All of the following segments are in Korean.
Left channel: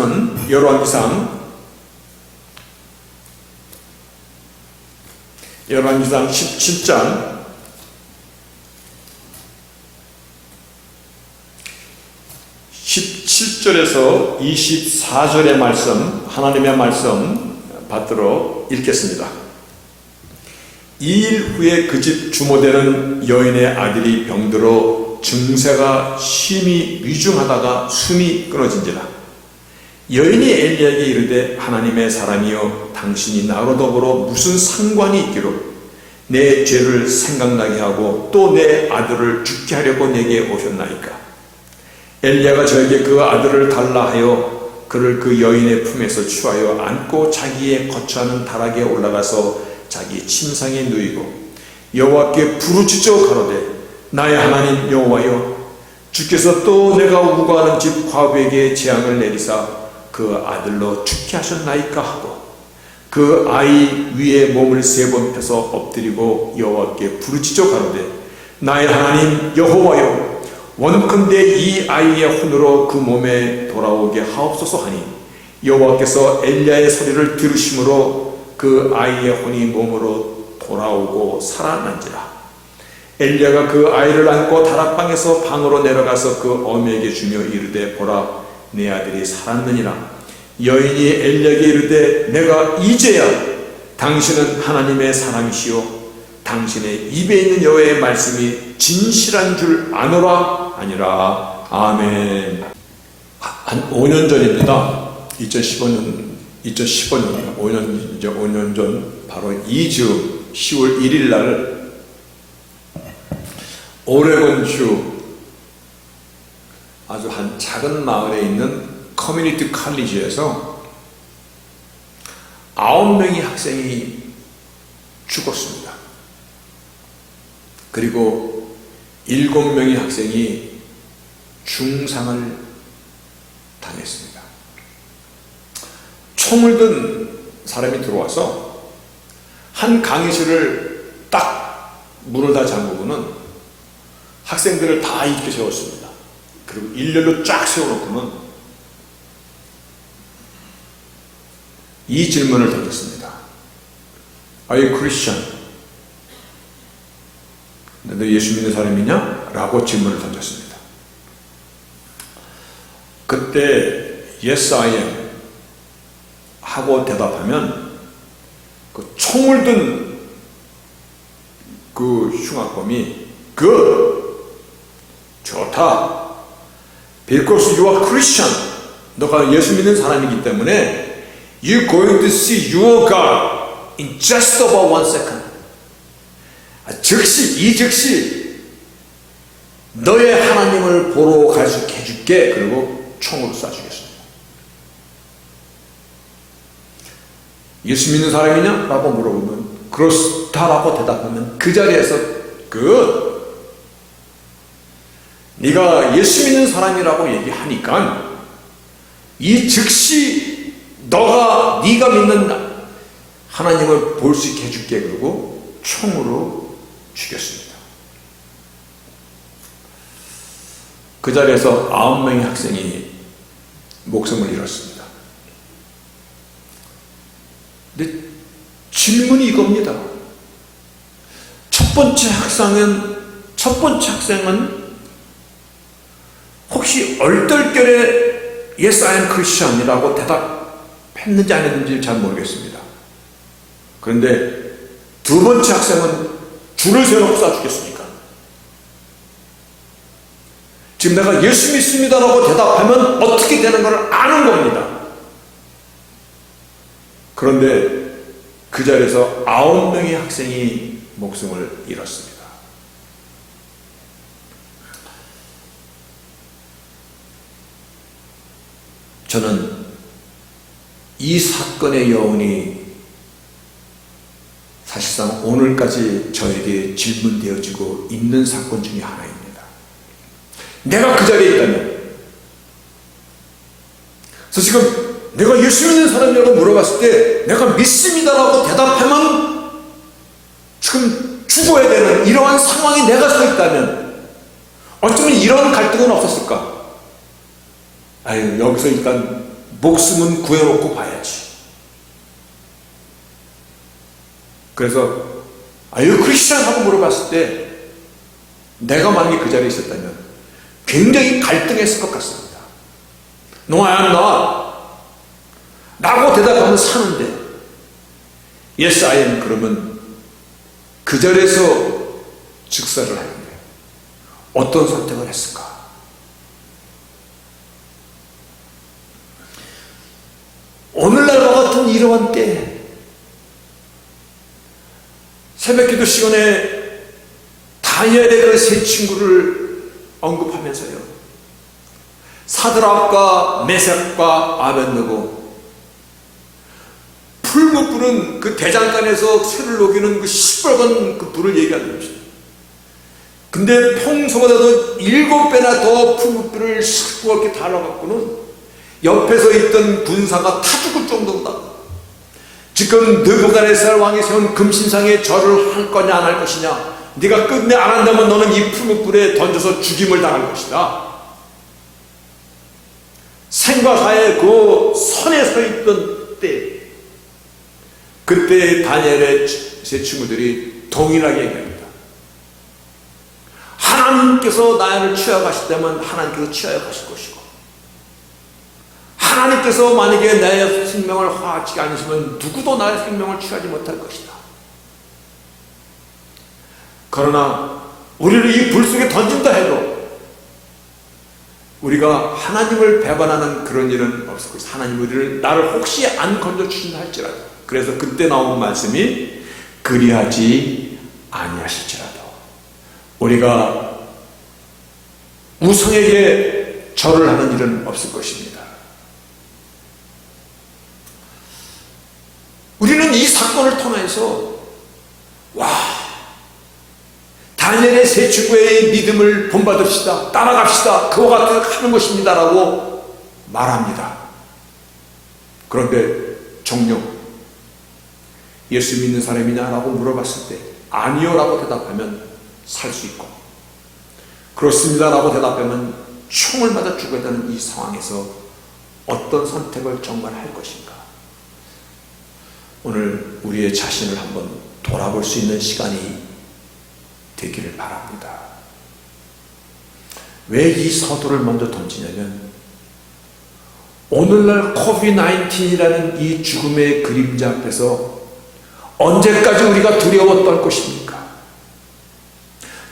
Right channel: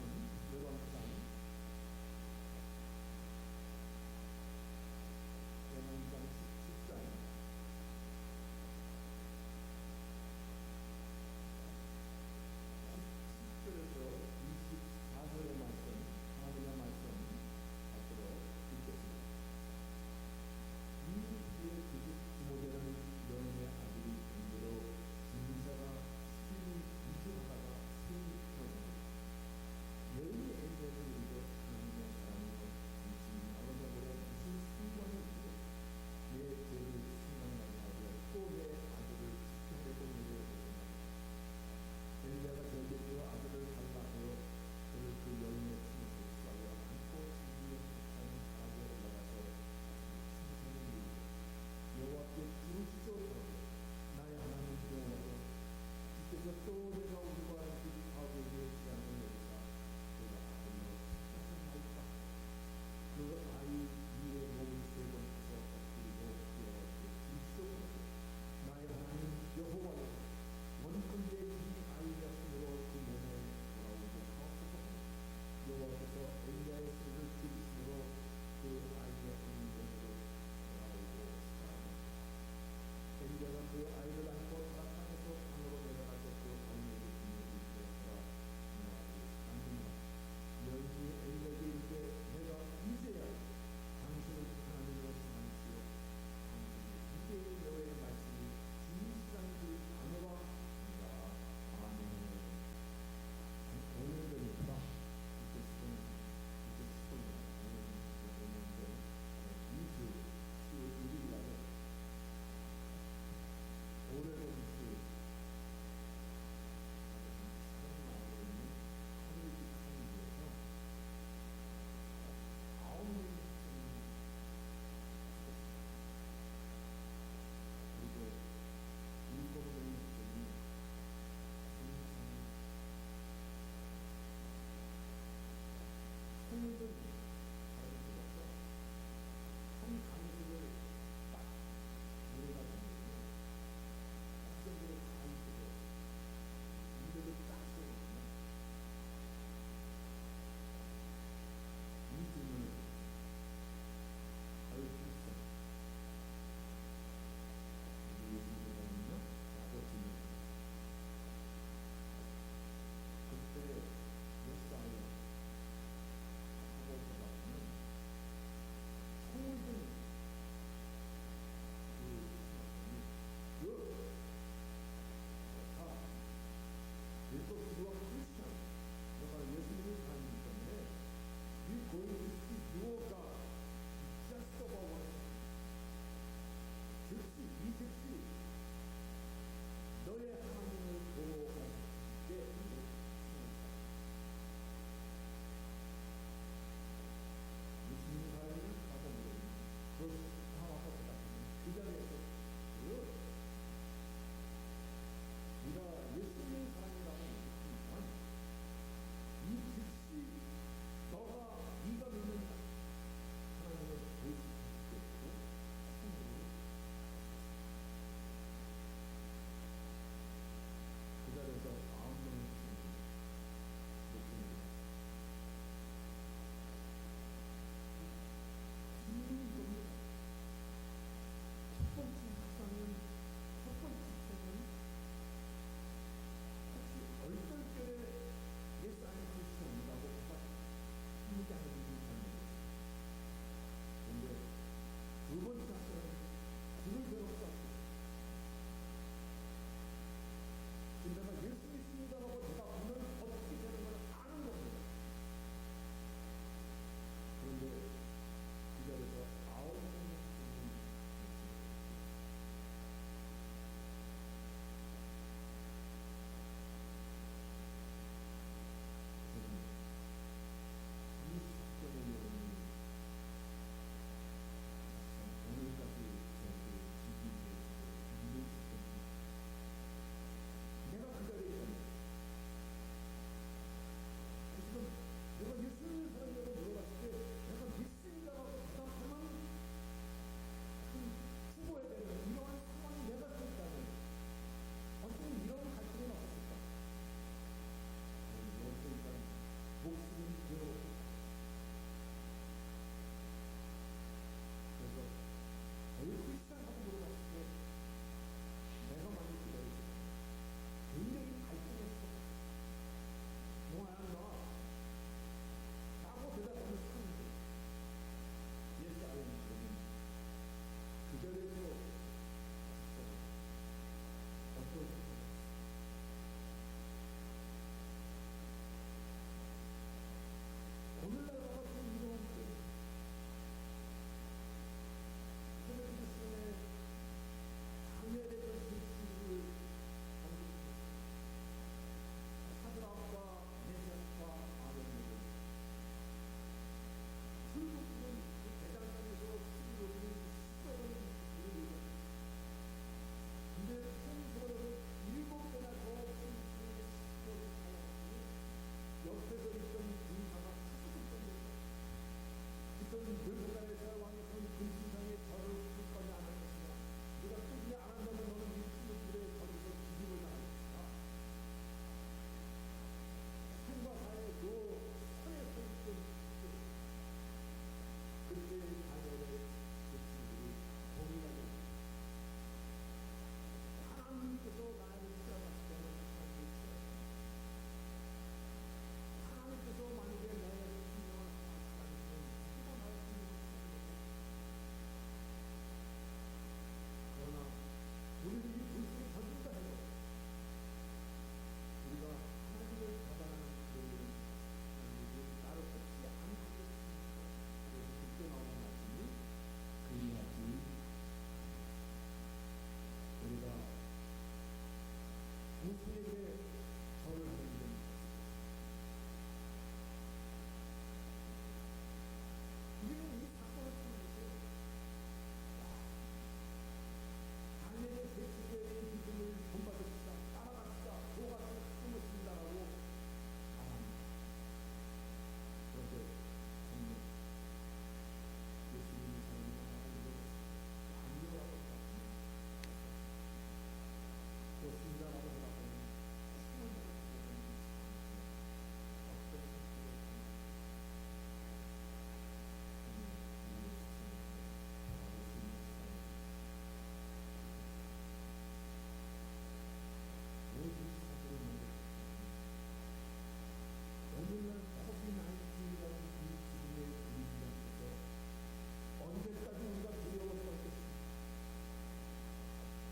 말씀은 열왕기상 17장 17절에서 24절의 말씀, 하나님의 말씀 받들어 읽겠습니다. 2일 후에 그 집 주모되는 여인의 아들이 병들어 증세가 심히 위중하다가 숨이 끊어진지라. 여인이 엘리야에게 이르되 하나님의 사람이여 당신이 나로 더불어 무슨 상관이 있기로 내 죄를 생각나게 하고 또 내 아들을 죽게 하려고 내게 오셨나이까. 엘리야가 저에게 그 아들을 달라 하여 그를 그 여인의 품에서 취하여 안고 자기의 거처하는 다락에 올라가서 자기 침상에 누이고 여호와께 부르짖어 가로되 나의 하나님 여호와여 주께서 또 내가 우거하는 집 과부에게 재앙을 내리사 그 아들로 죽게 하셨나이까 하고 그 아이 위에 몸을 3번 펴서 엎드리고 여호와께 부르짖어 가로되 나의 하나님 여호와여 원컨대 이 아이의 혼으로 그 몸에 돌아오게 하옵소서 하니 여호와께서 엘리야의 소리를 들으심으로 그 아이의 혼이 몸으로 돌아오고 살아난지라. 엘리야가 그 아이를 안고 다락방에서 방으로 내려가서 그 어미에게 주며 이르되 보라 내 아들이 살았느니라. 여인이 엘리야에게 이르되 내가 이제야 당신은 하나님의 사람이시오 당신의 입에 있는 여호와의 말씀이 진실한 줄 아노라 아니라. 아멘. 한 5년 전입니다. 2015년 5년 전 바로 2주 10월 1일 날 오레곤주 아주 한 작은 마을에 있는 커뮤니티 칼리지에서 9명의 학생이 죽었습니다. 그리고 7명의 학생이 중상을 당했습니다. 총을 든 사람이 들어와서 한 강의실을 딱 문을 다 잠그고는 학생들을 다 이렇게 세웠습니다. 그리고 일렬로 쫙 세워놓고는 이 질문을 던졌습니다. Are you Christian? 너 예수 믿는 사람이냐? 라고 질문을 던졌습니다. 그때 Yes, I am 하고 대답하면 그 총을 든 그 흉악범이 Good, 좋다. Because you are Christian. 너가 예수 믿는 사람이기 때문에 You're going to see your God in just about 1 second. 즉시 너의 하나님을 보러 갈 수 있게 해줄게. 그리고 총으로 쏴주겠습니다. 예수 믿는 사람이냐? 라고 물어보면 그렇다라고 대답하면 그 자리에서 네가 예수 믿는 사람이라고 얘기하니까 이 즉시 네가 믿는 하나님을 볼 수 있게 해줄게. 그리고 총으로 죽였습니다. 그 자리에서 9명의 학생이 목숨을 잃었습니다. 근데 질문이 이겁니다. 첫 번째 학생은 혹시 얼떨결에 Yes, I am Christian이라고 대답했는지 안 했는지 잘 모르겠습니다. 그런데 두 번째 학생은 줄을 세워놓고 쏴주겠습니까? 지금 내가 예수 믿습니다라고 대답하면 어떻게 되는 걸 아는 겁니다. 그런데 그 자리에서 9명의 학생이 목숨을 잃었습니다. 저는 이 사건의 여운이 사실상 오늘까지 저에게 질문되어지고 있는 사건 중에 하나입니다. 내가 그 자리에 있다면, 그래서 지금 내가 예수 믿는 사람이라고 물어봤을 때 내가 믿습니다라고 대답하면 지금 죽어야 되는 이러한 상황에 내가 서 있다면 어쩌면 이런 갈등은 없었을까? 아유, 여기서 일단 목숨은 구해놓고 봐야지. 그래서 아유 크리스찬 하고 물어봤을 때 내가 만약에 그 자리에 있었다면 굉장히 갈등했을 것 같습니다. No, I'm not 라고 대답하면 사는데 Yes, I am 그러면 그 자리에서 즉사를 하는데 어떤 선택을 했을까? 오늘날과 같은 이러한 때 새벽기도 시간에 다니엘의 그 세 친구를 언급하면서요, 사드락과 메삭과 아벤느고 풀 못 부는 그 대장간에서 쇠를 녹이는 그 시뻘건 그 불을 얘기하는 것이죠. 근데 평소보다도 7배나 더 풀 못 불을 시뻘겋게 달아갖고는 옆에서 있던 군사가 타 죽을 정도다. 지금 느부갓네살 왕이 세운 금신상에 절을 할 거냐 안 할 것이냐, 네가 끝내 안 한다면 너는 이 풀무불에 던져서 죽임을 당할 것이다. 생과 사의 그 선에 서 있던 때, 그때 다니엘의 세 친구들이 동일하게 얘기합니다. 하나님께서 나를 취하가시다면 하나님께서 취하여 가실 것이고, 하나님께서 만약에 나의 생명을 허락하지 않으시면 누구도 나의 생명을 취하지 못할 것이다. 그러나 우리를 이 불 속에 던진다 해도 우리가 하나님을 배반하는 그런 일은 없을 것이다. 하나님 나를 혹시 안 건져주신다 할지라도, 그래서 그때 나온 말씀이 그리하지 아니하실지라도 우리가 우상에게 절을 하는 일은 없을 것입니다. 우리는 이 사건을 통해서 다니엘의 세 친구의 믿음을 본받읍시다, 따라갑시다, 그와 같이 하는 것입니다 라고 말합니다. 그런데 정녕 예수 믿는 사람이냐 라고 물어봤을 때 아니요 라고 대답하면 살 수 있고, 그렇습니다 라고 대답하면 총을 맞아 죽어야 되는 이 상황에서 어떤 선택을 정말 할 것인가? 오늘 우리의 자신을 한번 돌아볼 수 있는 시간이 되기를 바랍니다. 왜 이 서두를 먼저 던지냐면, 오늘날 코비드-19이라는 이 죽음의 그림자 앞에서 언제까지 우리가 두려워 떨 것입니까?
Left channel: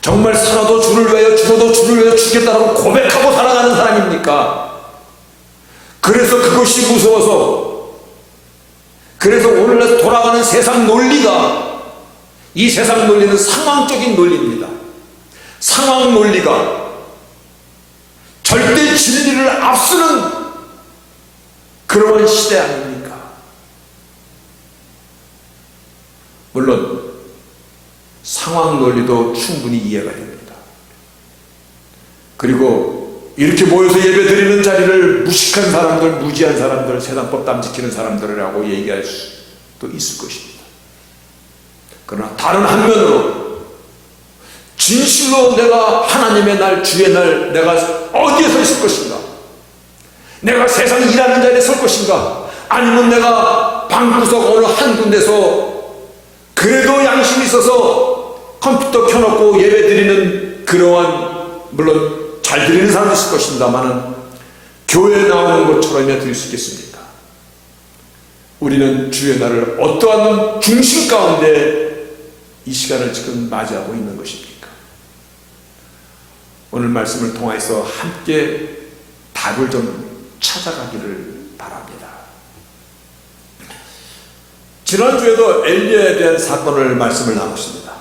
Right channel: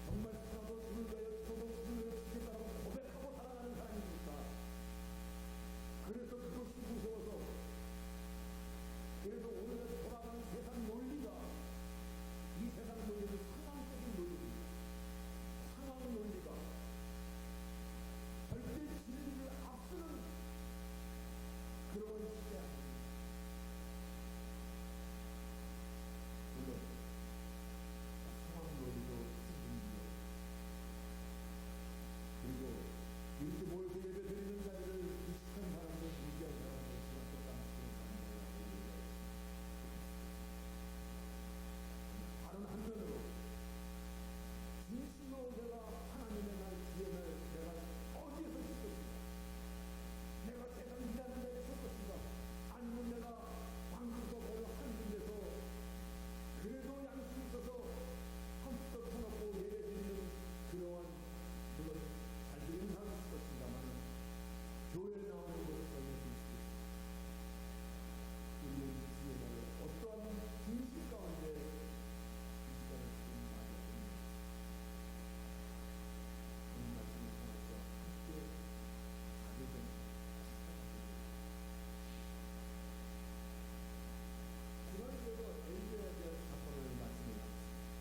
정말 살아도 주를 위하여 죽어도 주를 위하여 죽겠다라고 고백하고 살아가는 사람입니까? 그래서 그것이 무서워서, 그래서 오늘날 돌아가는 세상 논리가, 이 세상 논리는 상황적인 논리입니다. 상황 논리가 절대 진리를 앞서는 그러한 시대 아닙니까? 물론 상황 논리도 충분히 이해가 됩니다. 그리고 이렇게 모여서 예배 드리는 자리를 무식한 사람들, 무지한 사람들, 세상법 안 지키는 사람들이라고 얘기할 수도 있을 것입니다. 그러나 다른 한면으로 진실로 내가 하나님의 날, 주의 날 내가 어디에 서 있을 것인가? 내가 세상 일하는 자리에 설 것인가? 아니면 내가 방구석 어느 한 군데서 그래도 양심이 있어서 컴퓨터 켜놓고 예배 드리는 그러한, 물론 잘 드리는 사람이 있을 것입니다만은 교회에 나오는 것처럼이나 드릴 수 있겠습니까? 우리는 주의 날을 어떠한 중심 가운데 이 시간을 지금 맞이하고 있는 것입니까? 오늘 말씀을 통해서 함께 답을 좀 찾아가기를 바랍니다. 지난주에도 엘리야에 대한 사건을 말씀을 나눴습니다.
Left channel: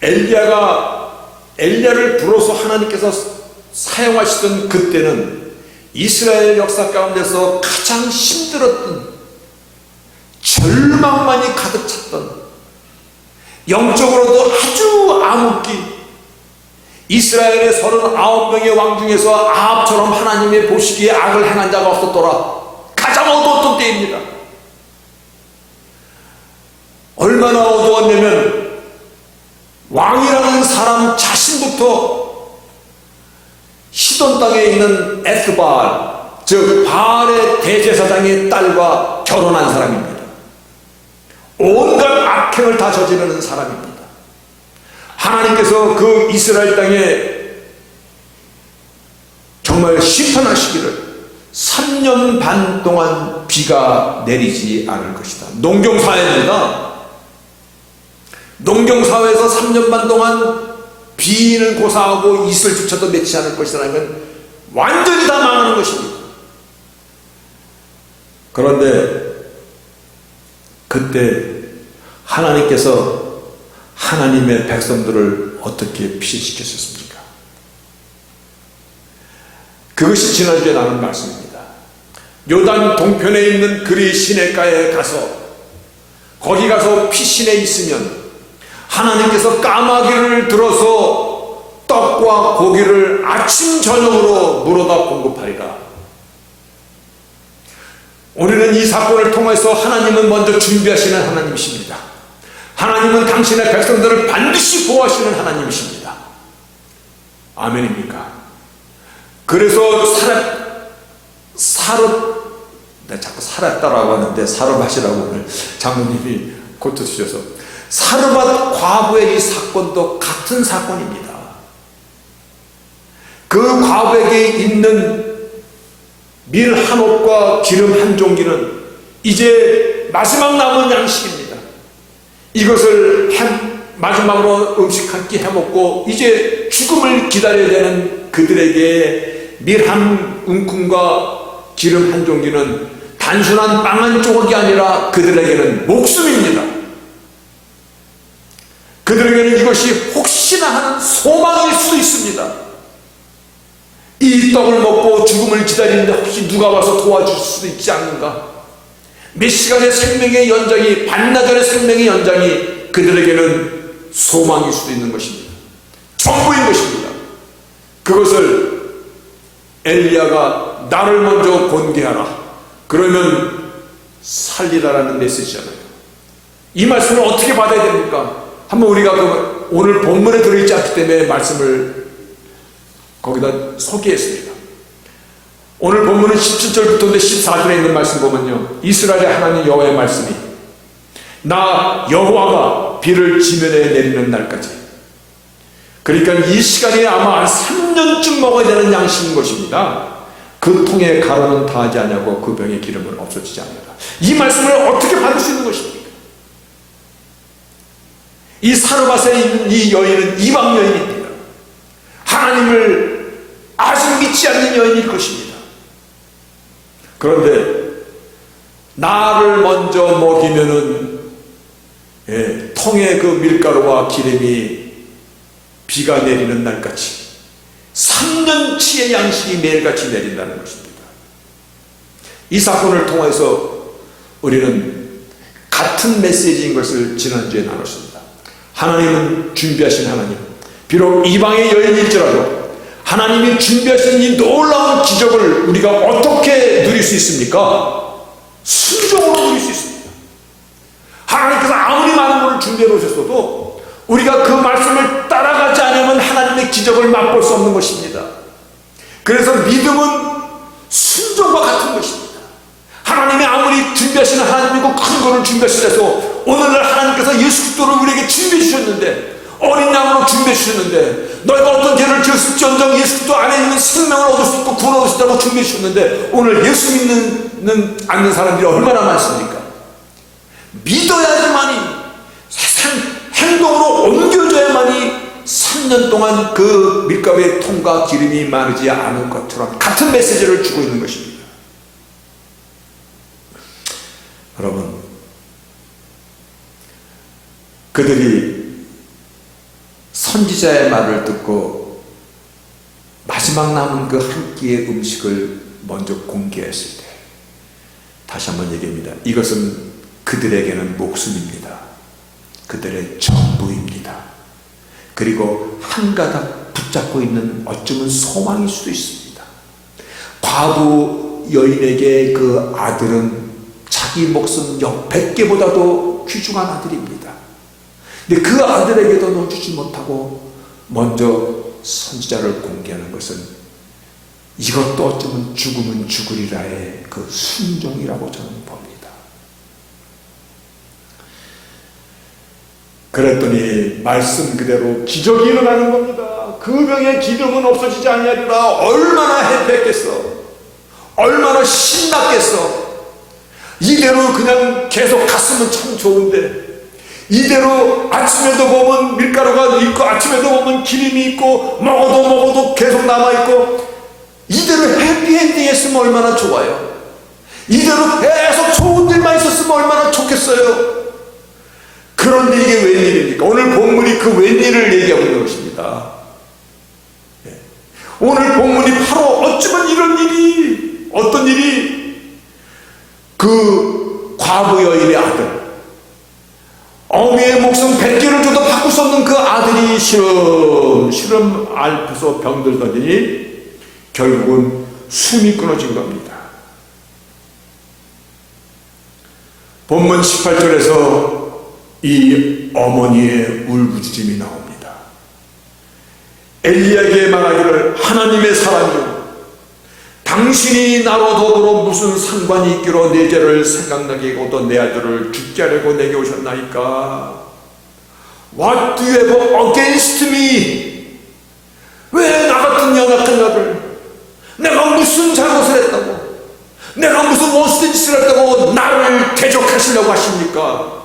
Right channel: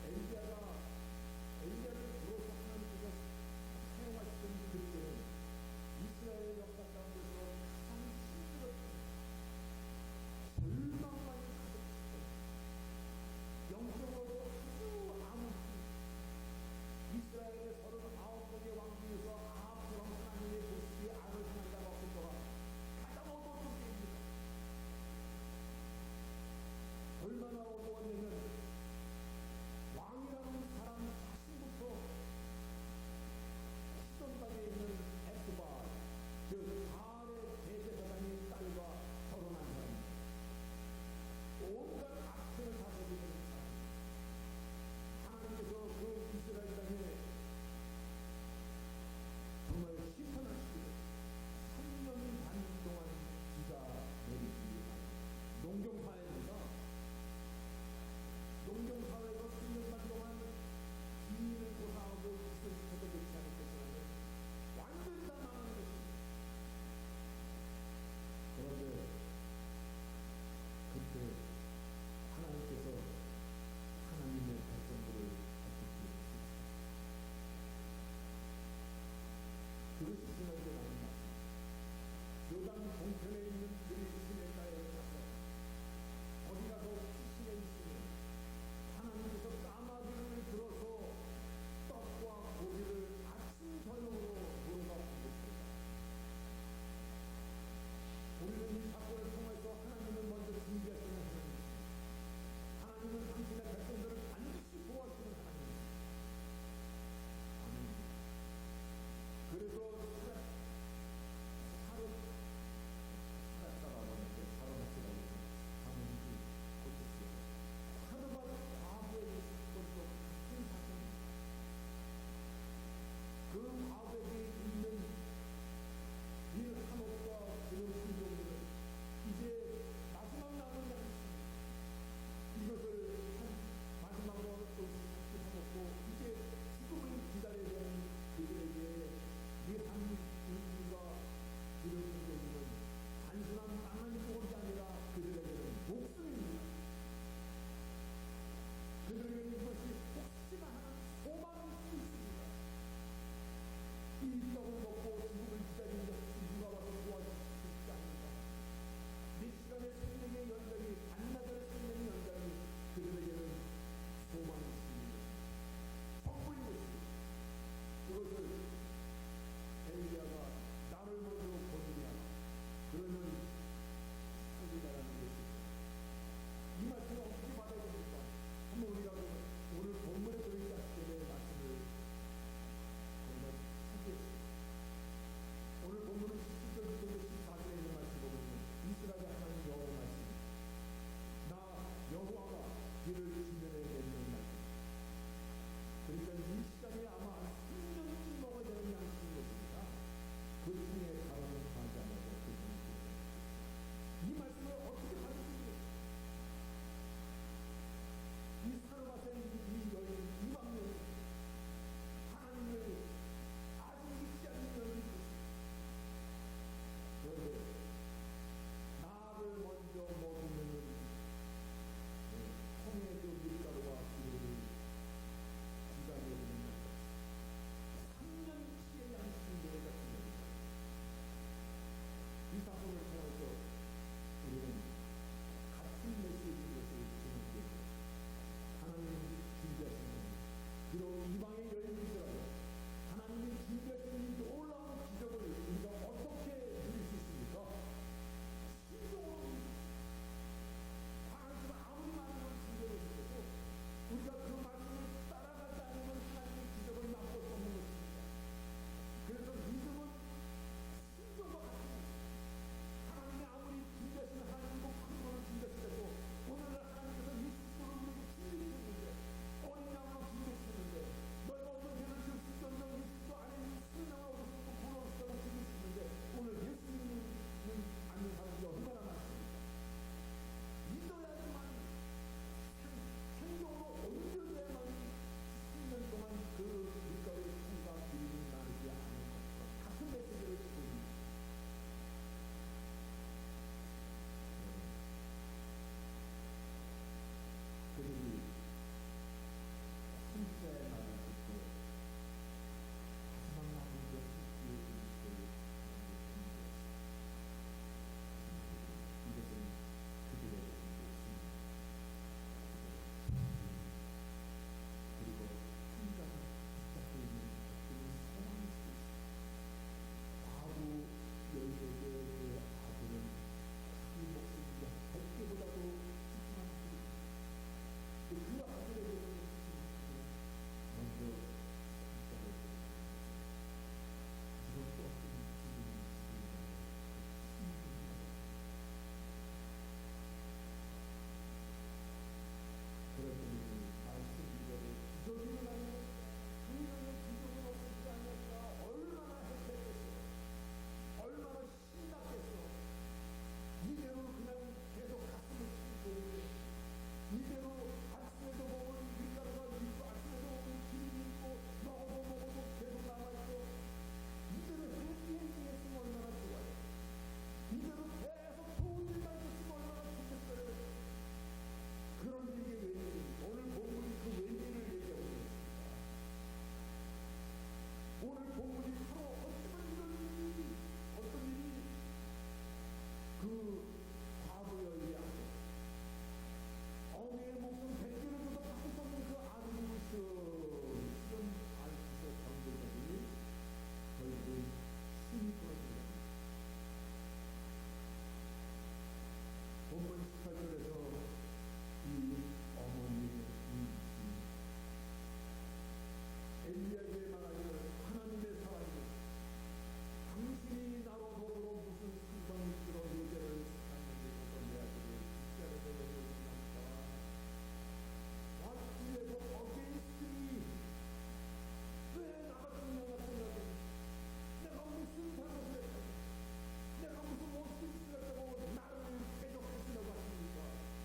엘리야를 불어서 하나님께서 사용하시던 그때는 이스라엘 역사 가운데서 가장 힘들었던, 절망만이 가득 찼던, 영적으로도 아주 암흑기, 이스라엘의 39명의 왕 중에서 아합처럼 하나님의 보시기에 악을 행한 자가 없었더라. 가장 어두웠던 때입니다. 얼마나 어두웠냐면 왕이라는 사람 자신부터 시돈 땅에 있는 에스바알, 즉 바알의 대제사장의 딸과 결혼한 사람입니다. 온갖 악행을 다 저지르는 사람입니다. 하나님께서 그 이스라엘 땅에 정말 심판하시기를 3년 반 동안 비가 내리지 않을 것이다. 농경사회입니다. 농경사회에서 3년 반 동안 비는 고사하고 이슬조차도 맺지 않을 것이라는 건 완전히 다 망하는 것입니다. 그런데 그때 하나님께서 하나님의 백성들을 어떻게 피신시켰습니까? 그것이 지난주에 나눈 말씀입니다. 요단 동편에 있는 그리 시내가에 가서 거기 가서 피신해 있으면 하나님께서 까마귀를 들어서 떡과 고기를 아침 저녁으로 물어다 공급하리라. 우리는 이 사건을 통해서 하나님은 먼저 준비하시는 하나님이십니다. 하나님은 당신의 백성들을 반드시 보호하시는 하나님이십니다. 아멘입니까? 그래서 내가 자꾸 살았다라고 하는데 사르밧이라고 오늘 장모님이 코트 주셔서, 사르밧 과부의 이 사건도 같은 사건입니다. 그 과부에게 있는 밀 한 옥과 기름 한 종기는 이제 마지막 남은 양식입니다. 이것을 마지막으로 음식 한 끼 해먹고 이제 죽음을 기다려야 되는 그들에게 밀 한 움큼과 기름 한 종기는 단순한 빵 한 조각이 아니라 그들에게는 목숨입니다. 그들에게는 이것이 혹시나 하는 소망일 수도 있습니다. 이 떡을 먹고 죽음을 기다리는데 혹시 누가 와서 도와줄 수도 있지 않는가? 몇 시간의 생명의 연장이, 반나절의 생명의 연장이 그들에게는 소망일 수도 있는 것입니다. 전부인 것입니다. 그것을 엘리야가 나를 먼저 권계하라, 그러면 살리라라는 메시지잖아요. 이 말씀을 어떻게 받아야 됩니까? 한번 우리가 오늘 본문에 들어있지 않기 때문에 말씀을 거기다 소개했습니다. 오늘 본문은 17절부터 14절에 있는 말씀 보면요, 이스라엘의 하나님 여호와의 말씀이 나 여호와가 비를 지면에 내리는 날까지, 그러니까 이 시간이 아마 한 3년쯤 먹어야 되는 양식인 것입니다. 그 통에 가루는 다하지 아니하고 그 병의 기름은 없어지지 않는다. 이 말씀을 어떻게 받을 수 있는 것입니까? 이 사르밧에 있는 이 여인은 이방 여인입니다. 하나님을 아직 믿지 않는 여인일 것입니다. 그런데 나를 먼저 먹이면은 통에 그 밀가루와 기름이 비가 내리는 날까지 3년치의 양식이 매일같이 내린다는 것입니다. 이 사건을 통해서 우리는 같은 메시지인 것을 지난주에 나눴습니다. 하나님은 준비하신 하나님, 비록 이방의 여인일지라도 하나님이 준비하신 이 놀라운 기적을 우리가 어떻게 누릴 수 있습니까? 순종으로 누릴 수 있습니다. 하나님께서 아무리 많은 것을 준비해 놓으셨어도 우리가 그 말씀을 따라가지 않으면 하나님의 기적을 맛볼 수 없는 것입니다. 그래서 믿음은 순종과 같은 것입니다. 하나님이 아무리 준비하시는 하나님이고 큰 것을 준비하시려서 오늘날 하나님께서 예수 그리스도를 우리에게 준비해 주셨는데, 어린 양으로 준비해 주셨는데, 너희가 어떤 죄를 지었을지언정 예수 그리스도 안에 있는 생명을 얻을 수 있고 구원을 얻을 수 있다고 준비해 주셨는데, 오늘 예수 믿는 않는 사람들이 얼마나 많습니까? 믿어야지만이, 행동으로 옮겨져야만이 3년 동안 그 밀가루의 통과 기름이 마르지 않은 것처럼 같은 메시지를 주고 있는 것입니다. 여러분, 그들이 선지자의 말을 듣고 마지막 남은 그 한 끼의 음식을 먼저 공개했을 때, 다시 한번 얘기합니다. 이것은 그들에게는 목숨입니다. 그들의 전부입니다. 그리고 한 가닥 붙잡고 있는 어쩌면 소망일 수도 있습니다. 과부 여인에게 그 아들은 자기 목숨 100개보다도 귀중한 아들입니다. 근데 그 아들에게도 넣어주지 못하고 먼저 선지자를 공개하는 것은 이것도 어쩌면 죽으면 죽으리라의 그 순종이라고 저는 봅니다. 그랬더니 말씀 그대로 기적이 일어나는 겁니다. 그 병의 기름은 없어지지 아니하리라. 얼마나 해피했겠어. 얼마나 신났겠어. 이대로 그냥 계속 갔으면 참 좋은데, 이대로 아침에도 보면 밀가루가 있고 아침에도 보면 기름이 있고 먹어도 계속 남아있고, 이대로 해피엔딩 했으면 얼마나 좋아요. 이대로 계속 좋은 일만 있었으면 얼마나 좋겠어요. 그런데 이게 웬일입니까? 오늘 본문이 그 웬일을 얘기하고 있는 것입니다. 오늘 본문이 바로 어쩌면 이런 일이, 어떤 일이, 그 과부 여인의 아들, 어미의 목숨 100개를 줘도 바꿀 수 없는 그 아들이 시름 앓고서 병들더니 결국은 숨이 끊어진 겁니다. 본문 18절에서 이 어머니의 울부짖음이 나옵니다. 엘리야에게 말하기를, 하나님의 사람이여, 당신이 나로 더불어 무슨 상관이 있기로 내 죄를 생각나게 하고 또 내 아들을 죽게 하려고 내게 오셨나이까? What do you have against me? 왜 나 같은 연약한 나를, 내가 무슨 잘못을 했다고, 내가 무슨 못된 짓을 했다고 나를 대적하시려고 하십니까?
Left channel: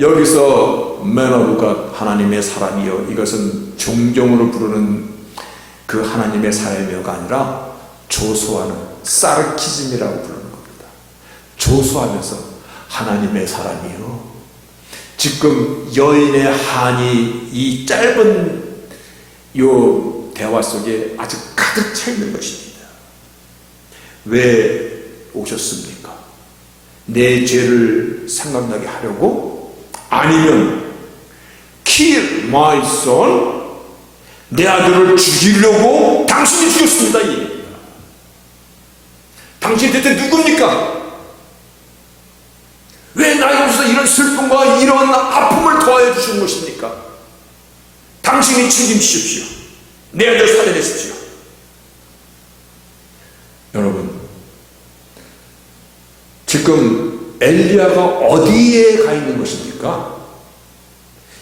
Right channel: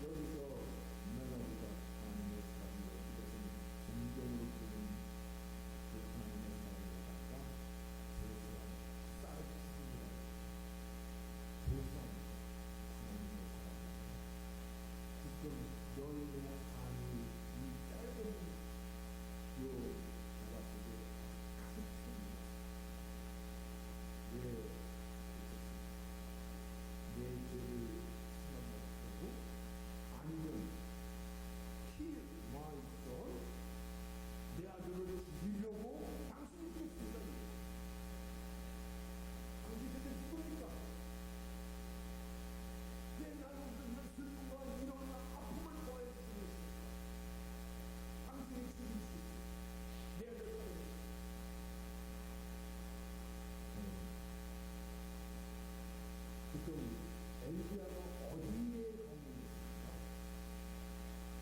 여기서 매너부가 하나님의 사람이여, 이것은 종종으로 부르는 그 하나님의 사람이여가 아니라 조소하는 사르키즘이라고 부르는 겁니다. 조소하면서 하나님의 사람이여. 지금 여인의 한이 이 짧은 요 대화 속에 아주 가득 차 있는 것입니다. 왜 오셨습니까? 내 죄를 생각나게 하려고? 아니면 kill my son, 내 아들을 죽이려고? 당신이 죽였습니다. 이 얘기입니다. 당신 대체 누굽니까? 왜 나에게서 이런 슬픔과 이런 아픔을 더하여 주신 것입니까? 당신이 책임지십시오. 내 아들 살려내십시오. 여러분, 지금 엘리야가 어디에 가 있는 것입니까?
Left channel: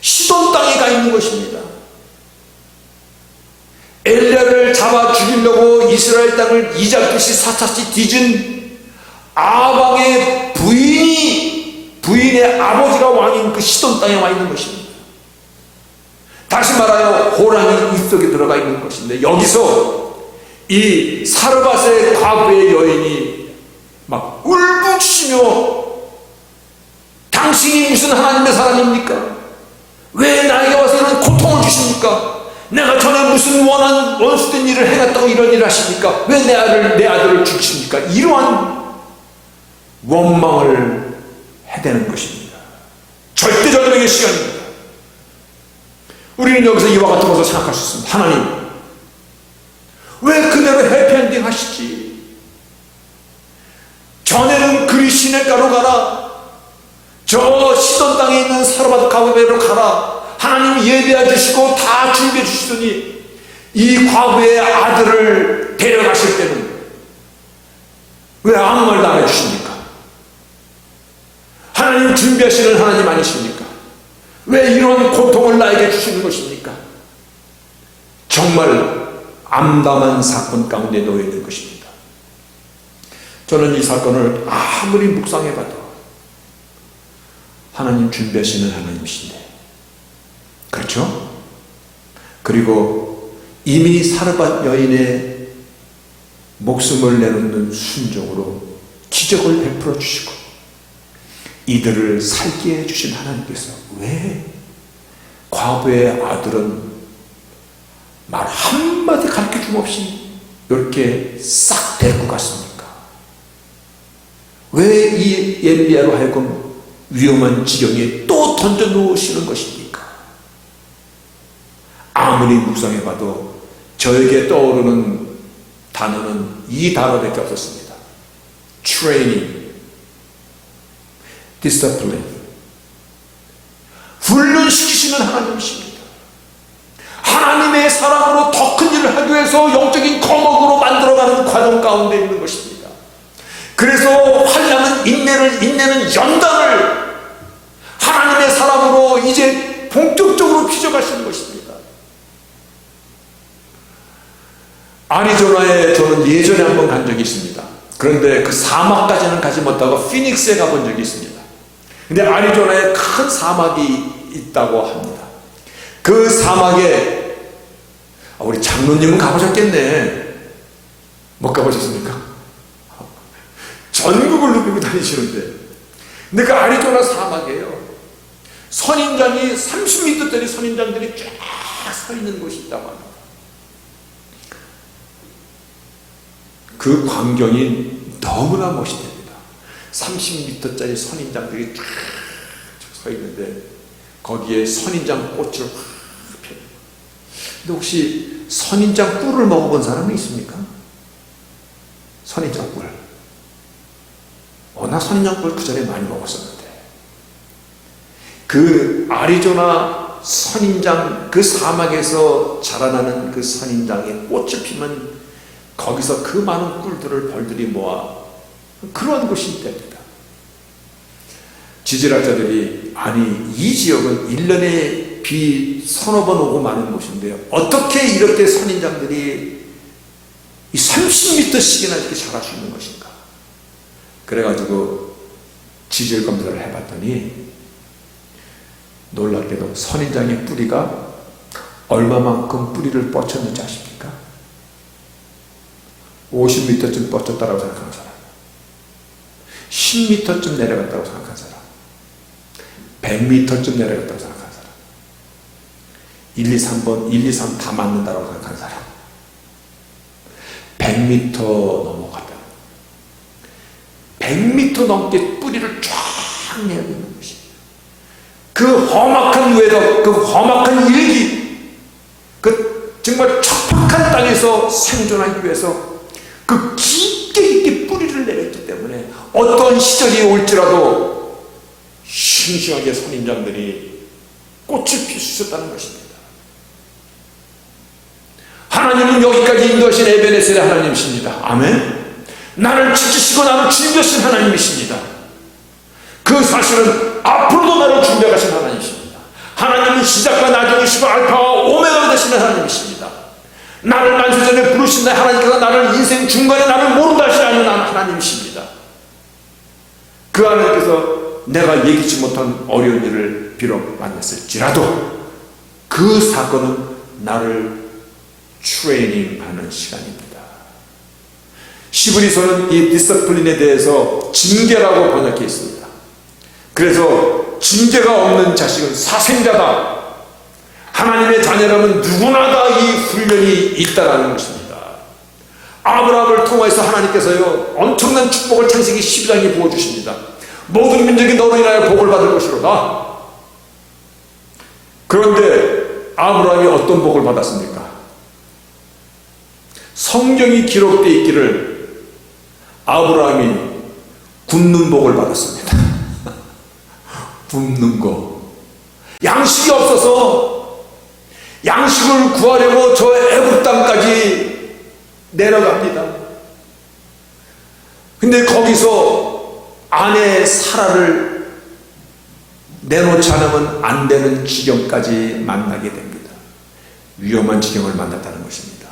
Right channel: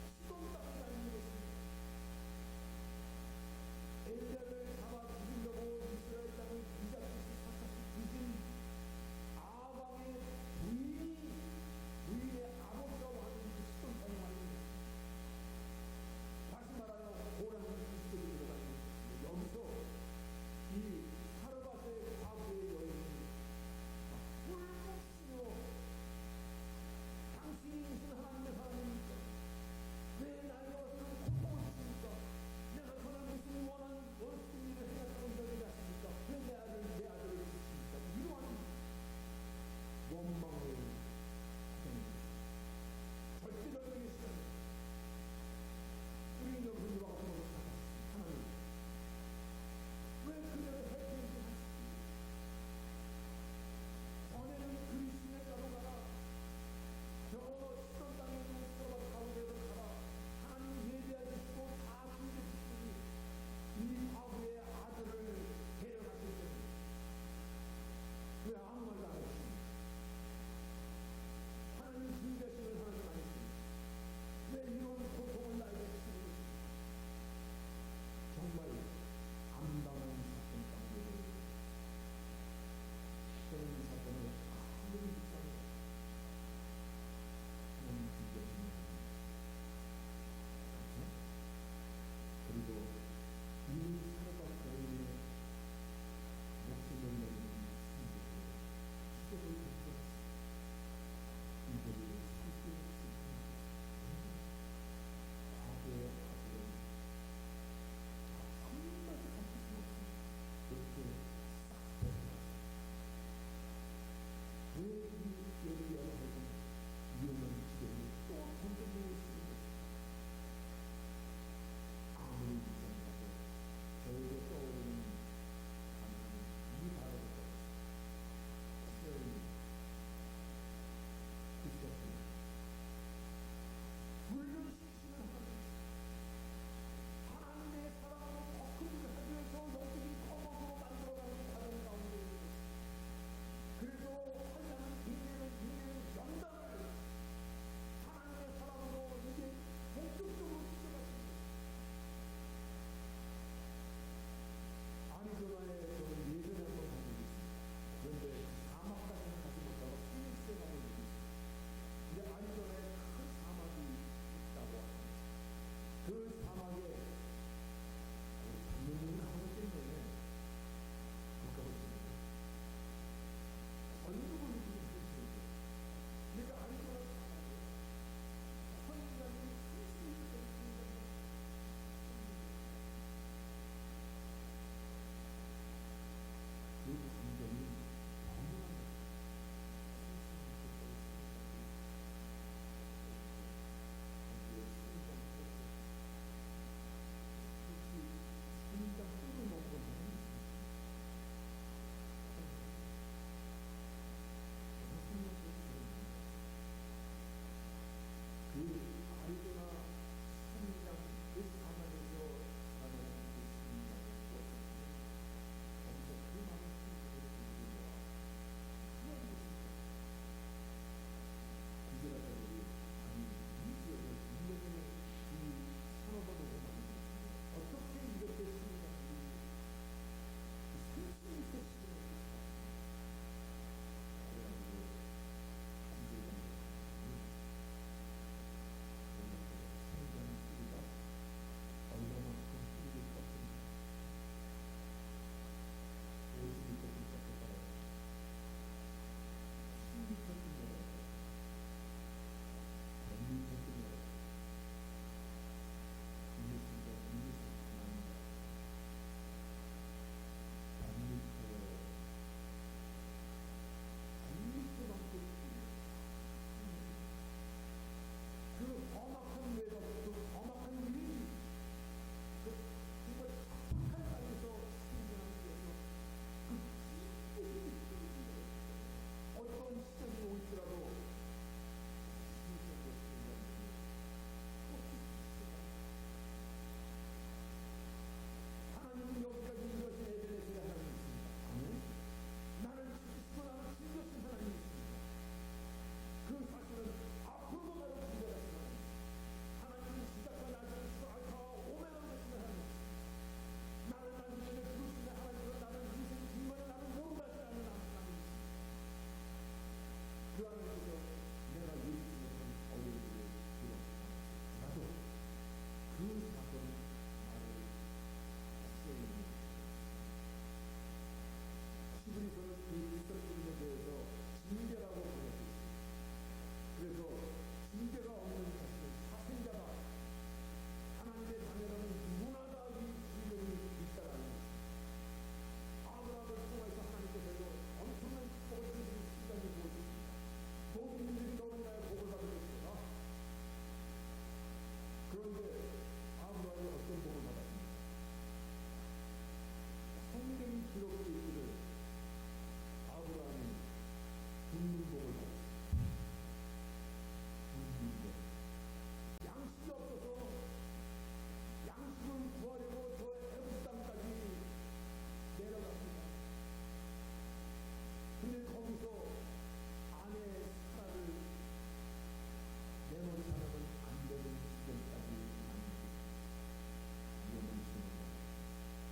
시돈 땅에 가 있는 것입니다. 엘리야를 잡아 죽이려고 이스라엘 땅을 이잡듯이 사차치 뒤진 아방의 부인의 아버지가 왕인 그 시돈 땅에 와 있는 것입니다. 다시 말하여 호랑이 입속에 들어가 있는 것인데, 여기서 이 사르밧의 과부의 여인이 막 울부짖으며, 당신이 무슨 하나님의 사람입니까? 왜 나에게 와서 이런 고통을 주십니까? 내가 전에 무슨 원수된 일을 해놨다고 이런 일을 하십니까? 왜 내 아들을 죽이십니까? 이러한 원망을 해대는 것입니다. 절대절명의 시간입니다. 우리는 여기서 이와 같은 것을 생각할 수 있습니다. 하나님, 왜 그대로 해피엔딩 하시지? 전에는 그리 시냇가로 가라, 저 시돈 땅에 있는 사르밧 과부에로 가라, 하나님 예배해 주시고 다 준비해 주시더니 이 과부의 아들을 데려가실 때는 왜 아무 말도 안 해주십니까? 하나님 준비하시는 하나님 아니십니까? 왜 이런 고통을 나에게 주시는 것입니까? 정말 암담한 사건 가운데 놓여 있는 것입니다. 저는 이 사건을 아무리 묵상해봐도 하나님 준비하시는 하나님이신데, 그렇죠? 그리고 이미 사르밧 여인의 목숨을 내놓는 순종으로 기적을 베풀어 주시고 이들을 살게 해주신 하나님께서 왜 과부의 아들은 말 한마디 가르쳐줌 없이 이렇게 싹 데리고 갔습니까? 왜 이 엘리야로 하여금 위험한 지경에 또 던져 놓으시는 것입니까? 아무리 묵상해봐도 저에게 떠오르는 단어는 이 단어밖에 없었습니다. Training, Discipline. 훈련시키시는 하나님이십니다. 하나님의 사랑으로 더 큰 일을 하기 위해서 영적인 거목으로 만들어가는 과정 가운데 있는 것입니다. 그래서 환난은 인내는 연단을 하나님의 사랑으로 이제 본격적으로 빚어가시는 것입니다. 아리조나에 저는 예전에 한번 간 적이 있습니다. 그런데 그 사막까지는 가지 못하고 피닉스에 가본 적이 있습니다. 근데 아리조나에 큰 사막이 있다고 합니다. 그 사막에 우리 장로님은 가보셨겠네. 못 가보셨습니까? 전국을 누비고 다니시는데, 근데 그 아리조나 사막이에요. 선인장이 30m짜리 선인장들이 쫙 서 있는 곳이 있다고 합니다. 그 광경이 너무나 멋있답니다. 30m짜리 선인장들이 쫙 서 있는데 거기에 선인장 꽃을 확 펴요. 근데 혹시 선인장 꿀을 먹어본 사람이 있습니까? 선인장 꿀. 나 선인장 꿀 그 전에 많이 먹었었는데, 그 아리조나 선인장, 그 사막에서 자라나는 그 선인장에 꽃을 피면 거기서 그 많은 꿀들을 벌들이 모아 그런 곳이 있답니다. 지질학자들이 아니 이 지역은 1년에 비 서너 번 오고 마는 곳인데요, 어떻게 이렇게 선인장들이 이 30m씩이나 이렇게 자랄 수 있는 것인가. 그래가지고 지질 검사를 해봤더니 놀랍게도 선인장의 뿌리가 얼마만큼 뿌리를 뻗쳤는지 아십니까? 50m쯤 뻗쳤다고 생각하는 사람, 10m쯤 내려갔다고 생각하는 사람, 100m쯤 내려갔다고 생각하는 사람, 1, 2, 3번 1, 2, 3 다 맞는다고 생각하는 사람, 100m 넘어가면 100m 넘게 뿌리를 쫙 내고 있는 것이, 그 험악한 외덕, 그 험악한 일기, 그 정말 척박한 땅에서 생존하기 위해서 그 깊게 뿌리를 내렸기 때문에 어떤 시절이 올지라도 싱싱하게 선인장들이 꽃을 필 수 있었다는 것입니다. 하나님은 여기까지 인도하신 에베네셀의 하나님이십니다. 아멘. 나를 지키시고 나를 준비하신 하나님이십니다. 그 사실은 앞으로도 나를 준비하신 하나님이십니다. 하나님은 시작과 나중이시고 알파와 오메가가 되시는 하나님이십니다. 나를 만세전에 부르신 하나님께서 나를 인생 중간에 나를 모른다 하시지 않는 하나님이십니다. 그 하나님께서 내가 예기치 못한 어려운 일을 비록 만났을지라도 그 사건은 나를 트레이닝하는 시간입니다. 시브리서는 이 디서플린에 대해서 징계라고 번역해 있습니다. 그래서 징계가 없는 자식은 사생자다. 하나님의 자녀라면 누구나 다 이 훈련이 있다라는 것입니다. 아브라함을 통해서 하나님께서요 엄청난 축복을 창세기 12장에 부어주십니다. 모든 민족이 너로 인하여 복을 받을 것이로다. 그런데 아브라함이 어떤 복을 받았습니까? 성경이 기록되어 있기를 아브라함이 굶는 복을 받았습니다. 굶는 거. 양식이 없어서 양식을 구하려고 저 애굽 땅까지 내려갑니다. 근데 거기서 아내 사라를 내놓지 않으면 안 되는 지경까지 만나게 됩니다. 위험한 지경을 만났다는 것입니다.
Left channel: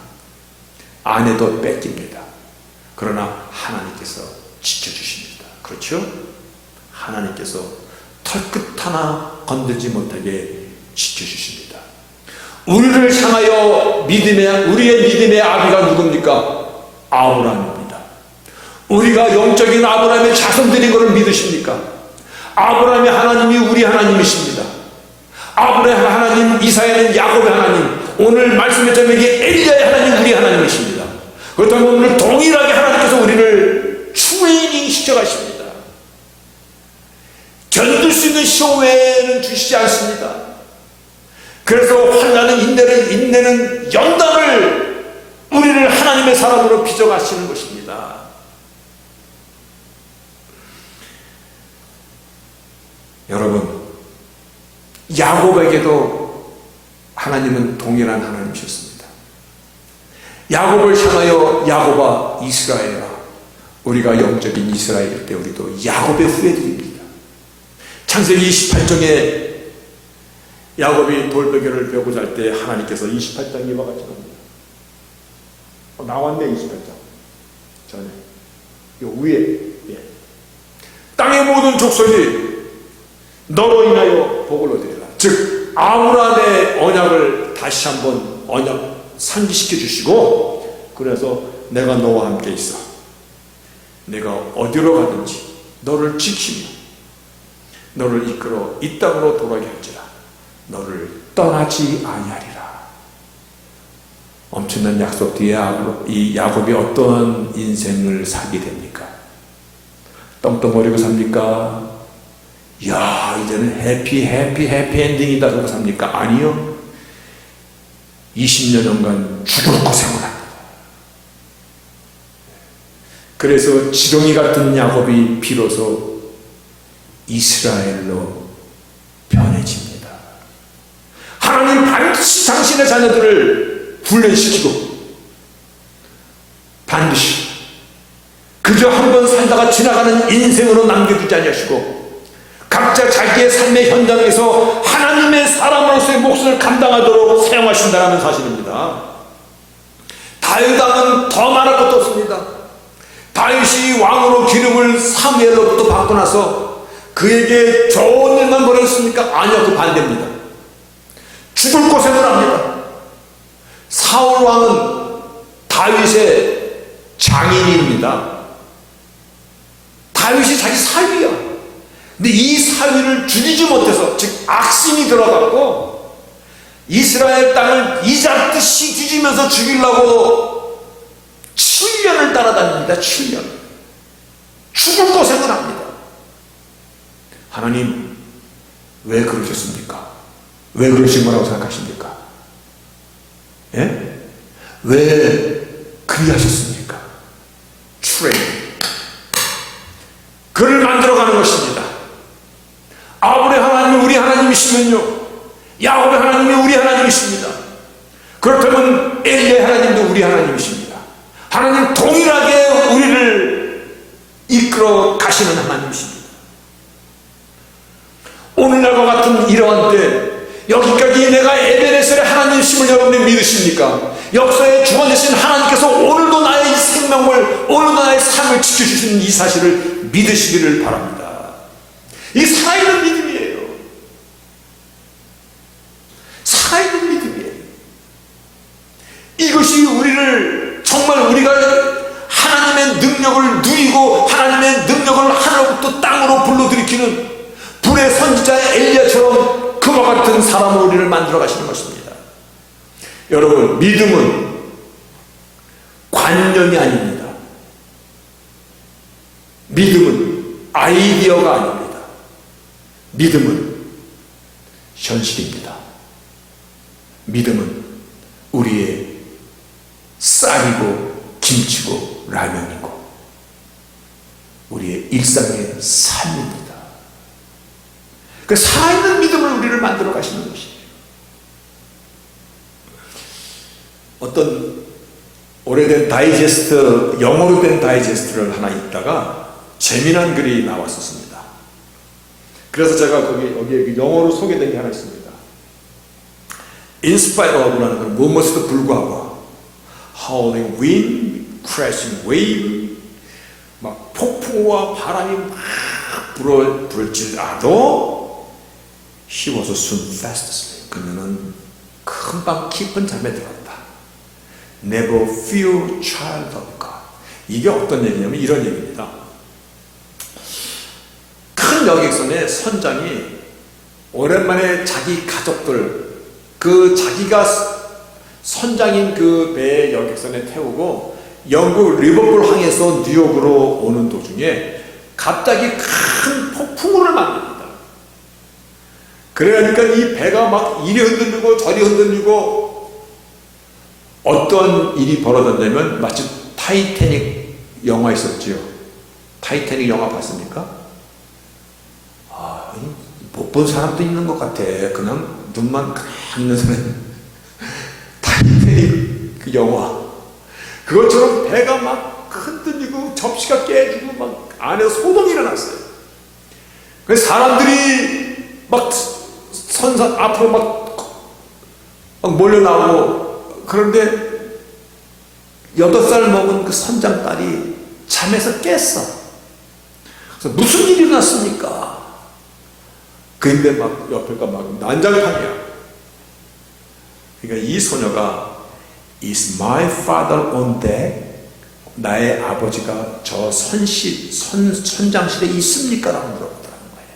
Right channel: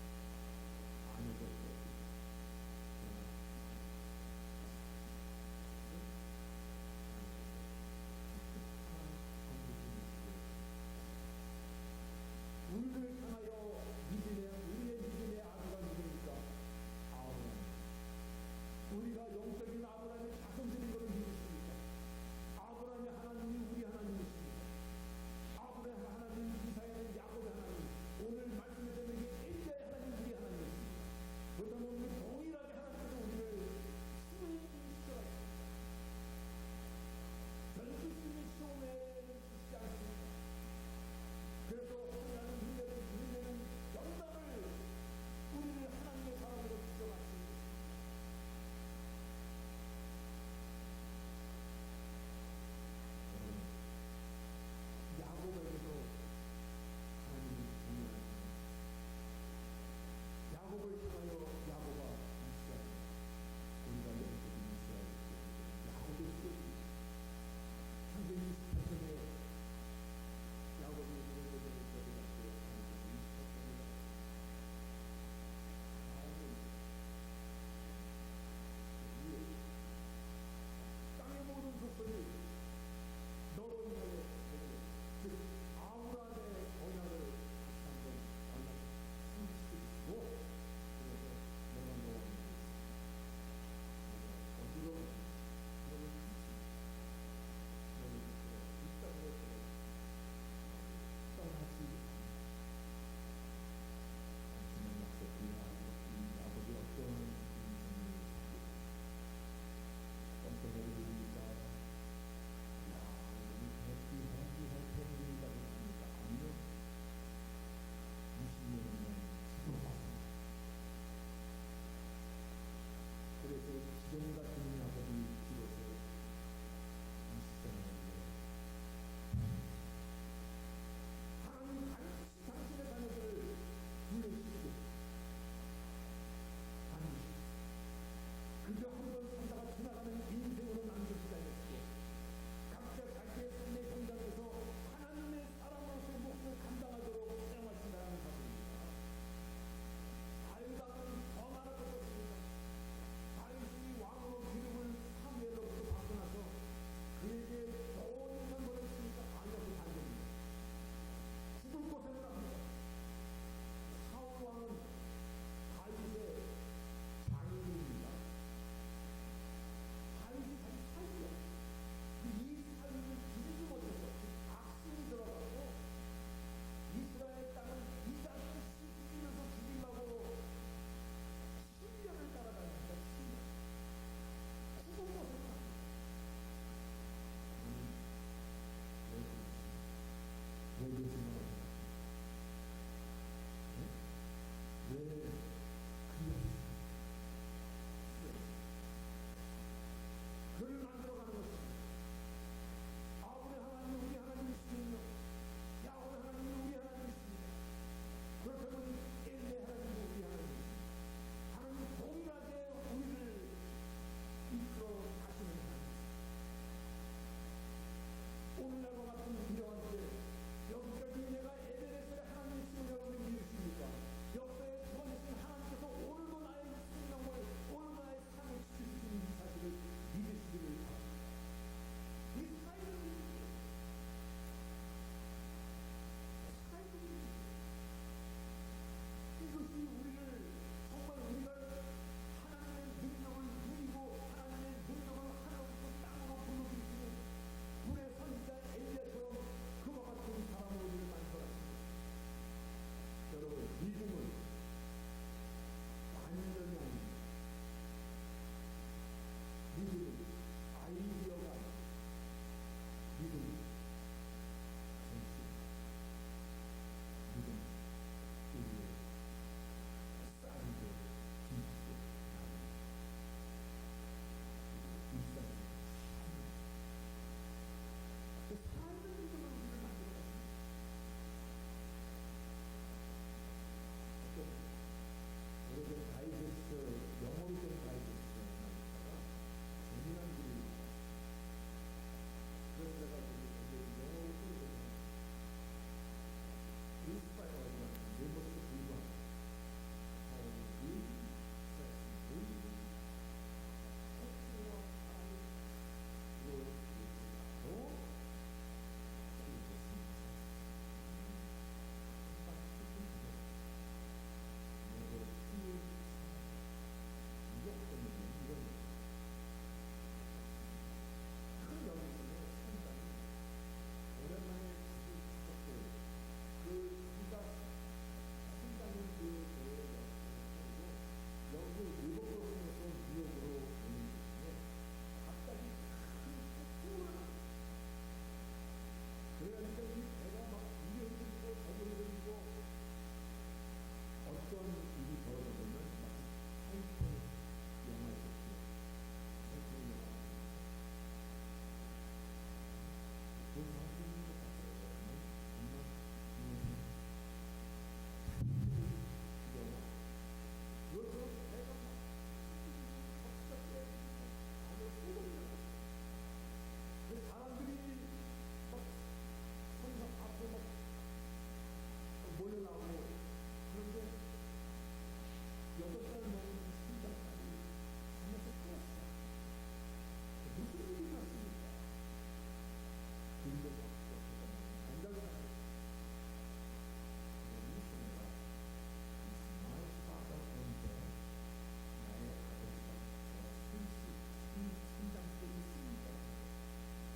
아내도 뺏깁니다. 그러나 하나님께서 지켜주십니다. 그렇죠? 하나님께서 털끝 하나 건들지 못하게 지켜주십니다. 우리를 향하여 우리의 믿음의 아비가 누굽니까? 아브라함입니다. 우리가 영적인 아브라함의 자손들인 것을 믿으십니까? 아브라함의 하나님이 우리 하나님이십니다. 아브라함의 하나님, 이사야는 야곱의 하나님, 오늘 말씀의 제목이 엘리야의 하나님, 우리 하나님이십니다. 그렇다면 오늘 동일하게 하나님께서 우리를 트레이닝 시켜가십니다. 견딜 수 있는 시험 외에는 주시지 않습니다. 그래서 환난은 인내는 연단을 우리를 하나님의 사람으로 빚어가시는 것입니다. 여러분, 야곱에게도 하나님은 동일한 하나님 하나님이셨습니다. 야곱을 향하여 야곱아 이스라엘아, 우리가 영적인 이스라엘일 때 우리도 야곱의 후예들입니다. 창세기 28장에 야곱이 돌베개를 베고 잘 때 하나님께서 28장 이와 같이 합니다. 나왔네. 28장 전에 요 위에, 예. 땅의 모든 족속이 너로 인하여 복을 얻으리라. 즉 아브라함의 언약을 다시 한번 언약 상기시켜 주시고, 그래서 내가 너와 함께 있어. 내가 어디로 가든지 너를 지키며 너를 이끌어 이 땅으로 돌아가게 할지라. 너를 떠나지 아니하리라. 엄청난 약속 뒤에 이 야곱이 어떤 인생을 살게 됩니까? 떵떵거리고 삽니까? 야, 이제는 해피 엔딩이다 그러고 삽니까? 아니요. 20년간 죽을 고생을 합니다. 그래서 지렁이 같은 야곱이 비로소 이스라엘로 변해집니다. 하나님 반드시 당신의 자녀들을 훈련시키고 반드시 그저 한 번 살다가 지나가는 인생으로 남겨두지 아니하시고 각자 자기의 삶의 현장에서 하나님의 사람으로서의 몫을 감당하도록 사용하신다는 사실입니다. 다윗 왕은 더 말할 것도 없습니다. 다윗이 왕으로 기름을 사무엘로부터 받고 나서 그에게 좋은 일만 벌였습니까? 아니요, 그 반대입니다. 죽을 고생을 합니다. 사울 왕은 다윗의 장인입니다. 다윗이 자기 사위야. 근데 이 사위를 죽이지 못해서, 즉 악심이 들어갔고 이스라엘 땅을 이잡듯이 뒤지면서 죽이려고 7년을 따라다닙니다. 7년. 죽을 고생을 합니다. 하나님 왜 그러셨습니까? 왜 그러신 거라고 생각하십니까? 예? 왜 그리하셨습니까? 트레이닝. 그를 만들어가는 것입니다. 아브라함의 하나님이 우리 하나님이시면요, 야곱의 하나님이 우리 하나님이십니다. 그렇다면 엘리의 하나님도 우리 하나님이십니다. 하나님 동일하게 우리를 이끌어 가시는 하나님이십니다. 오늘날과 같은 이러한 때 여기까지 내가 에베네셀의 하나님이심을 여러분이 믿으십니까? 역사의 주관되신 하나님께서 오늘도 나의 생명을, 오늘도 나의 삶을 지켜주시는 이 사실을 믿으시기를 바랍니다. 이 살아있는 믿음이에요. 살아있는 믿음이에요. 이것이 우리를 정말 우리가 하나님의 능력을 누리고 하나님의 능력을 하늘로부터 땅으로 불러들이키는 불의 선지자 엘리야처럼 그와 같은 사람으로 우리를 만들어 가시는 것입니다. 여러분, 믿음은 관념이 아닙니다. 믿음은 아이디어가 아닙니다. 믿음은 현실입니다. 믿음은 우리의 쌀이고 김치고 라면이고 우리의 일상의 삶입니다. 그 살아있는 믿음을 우리를 만들어 가시는 것이에요. 어떤 오래된 다이제스트, 영어로 된 다이제스트를 하나 읽다가 재미난 글이 나왔었습니다. 그래서 제가 여기에 영어로 소개된 게 하나 있습니다. In spite of라는 건 무엇에도 불구하고, howling wind, crashing wave, 막 폭풍과 바람이 막 불질라도 he was soon fast asleep. 그녀는 금방 깊은 잠에 들었다. Never fear child of God. 이게 어떤 얘기냐면 이런 얘기입니다. 큰 여객선의 선장이 오랜만에 자기 가족들, 그 자기가 선장인 그 배 여객선에 태우고 영국 리버풀 항에서 뉴욕으로 오는 도중에 갑자기 큰 폭풍우를 만납니다. 그러니까 이 배가 막 이리 흔들리고 저리 흔들리고, 어떤 일이 벌어졌냐면 마치 타이타닉 영화 있었지요. 타이타닉 영화 봤습니까? 못 본 사람도 있는 것 같아. 그냥 눈만 가만히 있는 사람. 타이타닉 그 영화 그것처럼 배가 막 흔들리고 접시가 깨지고 막 안에서 소동이 일어났어요. 그래서 사람들이 막 선상 앞으로 막 몰려 나오고, 그런데 8살 먹은 그 선장 딸이 잠에서 깼어. 그래서 무슨 일이 일어났습니까? 근데 막 옆에가 막 난장판이야. 그러니까 이 소녀가 Is my father on deck? 나의 아버지가 저 선장실에 있습니까? 라고 물어보더라는 거예요.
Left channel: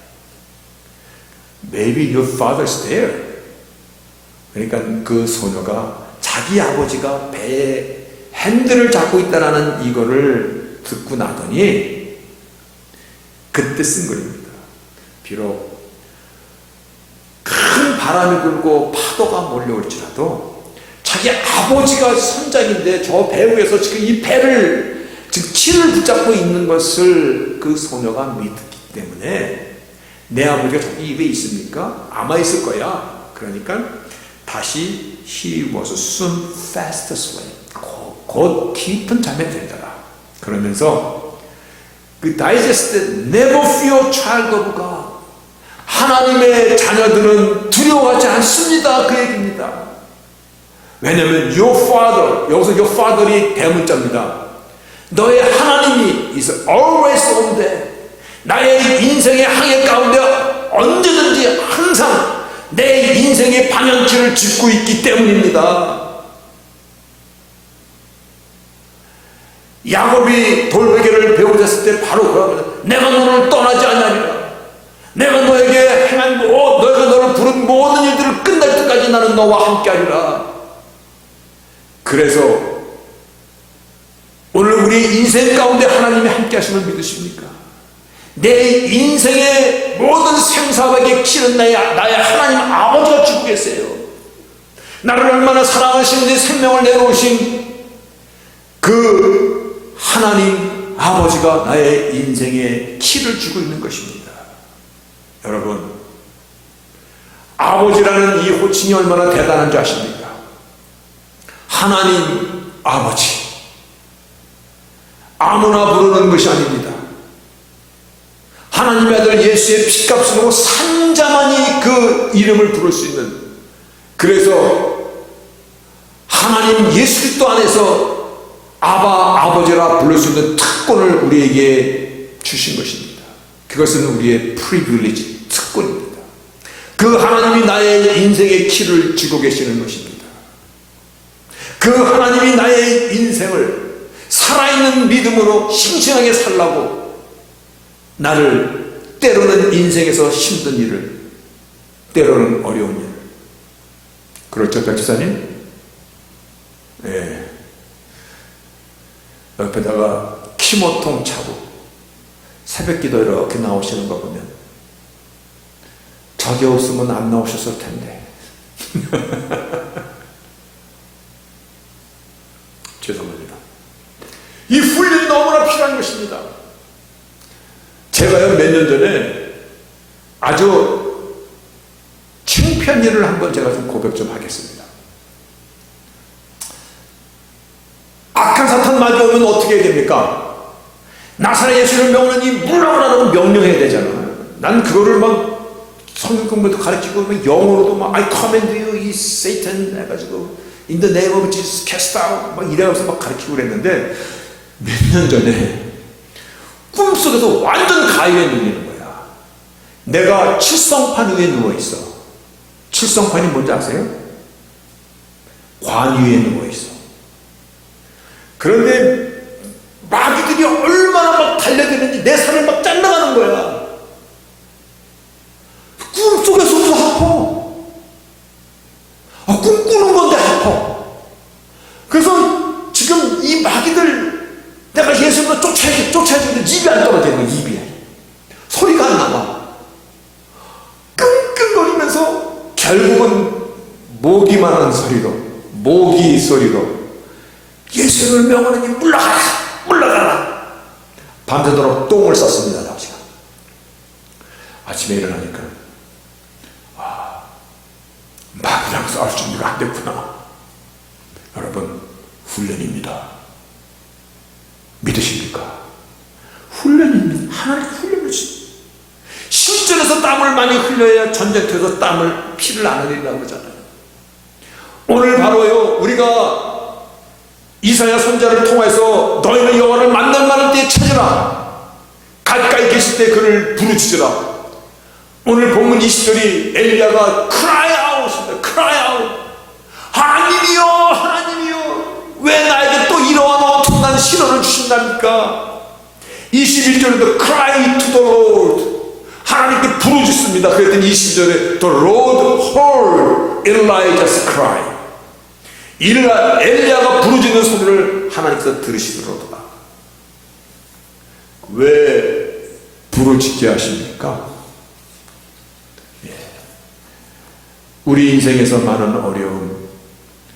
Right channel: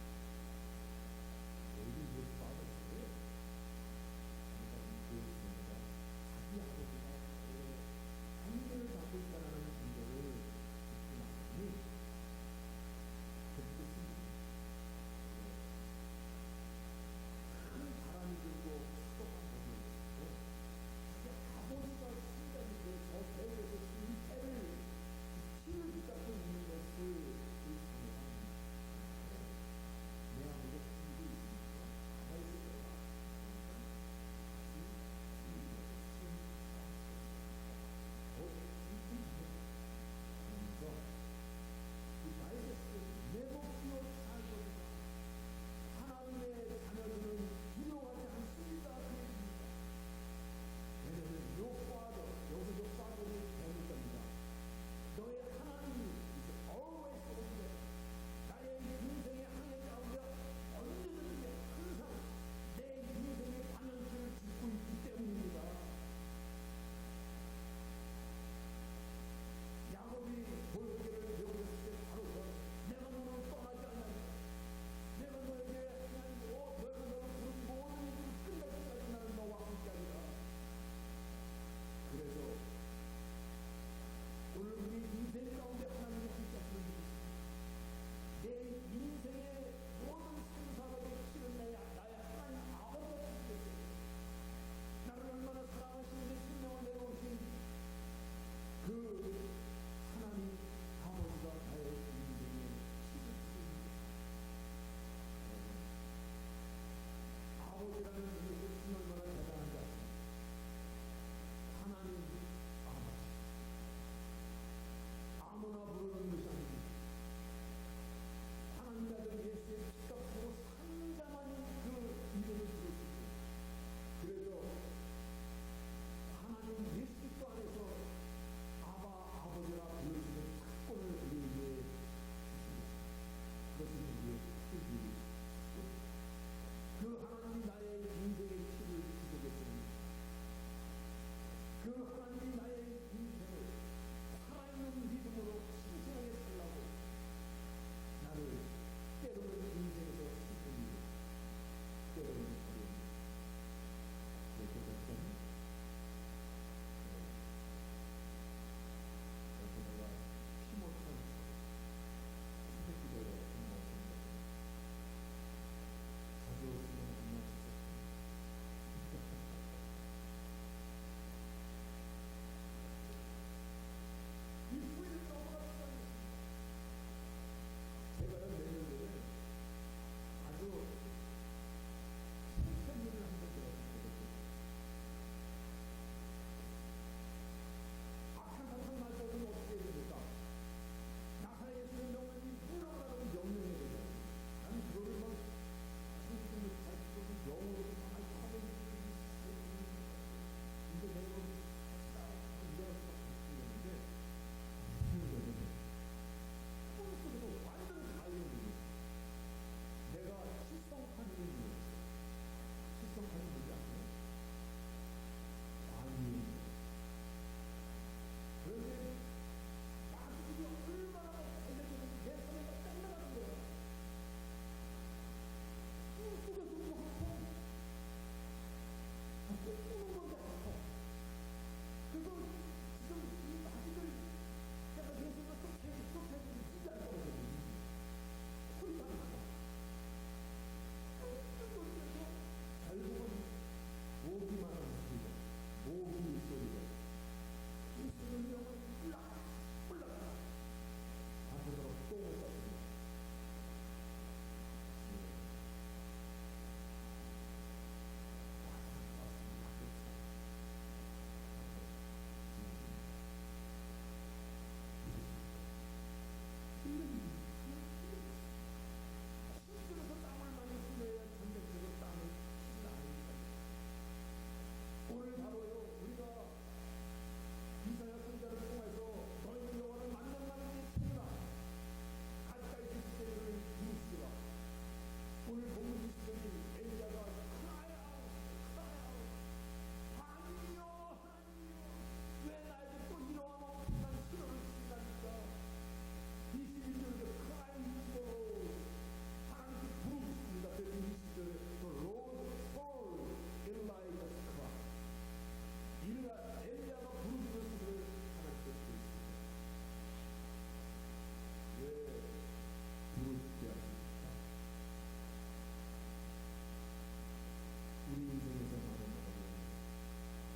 Maybe your father's there. 그러니까 그 소녀가 자기 아버지가 배에 핸들을 잡고 있다라는 이거를 듣고 나더니 그때 쓴 글입니다. 비록 큰 바람이 불고 파도가 몰려올지라도 자기 아버지가 선장인데 저 배 위에서 지금 이 배를 지금 키를 붙잡고 있는 것을 그 소녀가 믿기 때문에 내 아버지가 저기 입에 있습니까? 아마 있을 거야. 그러니까 다시 He was soon fast asleep. 곧 깊은 잠에 들더라. 그러면서 그 다이제스트 Never fear child of God. 하나님의 자녀들은 두려워하지 않습니다. 그 얘기입니다. 왜냐하면 your father, 여기서 your father이 대문자입니다. 너의 하나님이 is always on there. 나의 인생의 항해 가운데 언제든지 항상 내 인생의 방향키를 짚고 있기 때문입니다. 야곱이 돌베개를 배우셨을 때 바로 그러거든. 내가 너를 떠나지 않으리라. 내가 너에게 행한 너희가 너를 부른 모든 일들을 끝날 때까지 나는 너와 함께하리라. 그래서 오늘 우리의 인생 가운데 하나님이 함께 하심을 믿으십니까? 내 인생의 모든 생사박의 키는 나의 하나님 아버지가 주고 계세요. 나를 얼마나 사랑하시는지 생명을 내놓으신 그 하나님 아버지가 나의 인생의 키를 주고 있는 것입니다. 여러분, 아버지라는 이 호칭이 얼마나 대단한 줄 아십니까? 하나님 아버지, 아무나 부르는 것이 아닙니다. 하나님의 아들 예수의 피값으로 산자만이 그 이름을 부를 수 있는, 그래서 하나님 예수 그리스도 안에서 아버지라 부를 수 있는 특권을 우리에게 주신 것입니다. 그것은 우리의 프리빌리지, 특권입니다. 그 하나님이 나의 인생의 키를 쥐고 계시는 것입니다. 그 하나님이 나의 인생을 살아있는 믿음으로 싱싱하게 살라고 나를 때로는 인생에서 힘든 일을, 때로는 어려운 일을, 그렇죠 백지사님? 네. 옆에다가 키모통 차고 새벽기도 이렇게 나오시는 거 보면 저게 없으면 안 나오셨을 텐데 죄송합니다. 이 훈련이 너무나 필요한 것입니다. 제가요 몇 년 전에 아주 창피한 일을 한번 제가 좀 고백 좀 하겠습니다. 악한 사탄 마귀오면 어떻게 해야 됩니까? 나사렛 예수를 명하는 이 물러가라고 명령해야 되잖아요. 난 그거를 막 성경 공부도 가르치고 영어로도 막 I command you, 이 Satan 해가지고 In the name of Jesus cast out 막 이래가지고 막 가르치고 그랬는데 몇 년 전에 꿈속에서 완전 가위에 눌리는 거야. 내가 칠성판 위에 누워있어. 칠성판이 뭔지 아세요? 관 위에 누워있어. 그런데 마귀들이 얼마나 막 달려드는지 내 살을 막 잘라가는 거야. 꿈속에서도 아파. 꿈꾸는 건데 아파. 그래서 지금 이 마귀들 내가 예수님을 쫓아야지는데 입이 안 떨어지는 거야. 입이 소리가 안 나와. 끙끙거리면서 결국은 모기만 하는 소리로, 모기 소리로 예수를 명하느니 물러가라, 물러가라. 밤새도록 똥을 쌌습니다. 아버지가. 아침에 일어나니까 마귀랑 싸울 준비가 안 됐구나. 여러분, 훈련입니다. 믿으십니까? 훈련입니다. 하나님 훈련을 주십니다. 실전에서 땀을 많이 흘려야 전쟁터에서 피를 안 흘리라고 그러잖아요. 오늘 바로요, 우리가 이사야 선지자를 통해서 너희는 여호와를 만날 때에 찾으라, 가까이 계실 때 그를 부르짖으라. 오늘 본문 20절이 엘리야가 cry out입니다. cry out. 하나님이여, 하나님이여, 왜 나에게 또 이러한 엄청난 신호를 주신답니까? 21절에도 cry to the Lord, 하나님께 부르짖습니다. 그랬더니 22절에 the Lord heard Elijah's cry, 엘리야가 부르짖는 소리를 하나님께서 들으시더라. 왜 부르짖게 하십니까? 우리 인생에서 많은 어려움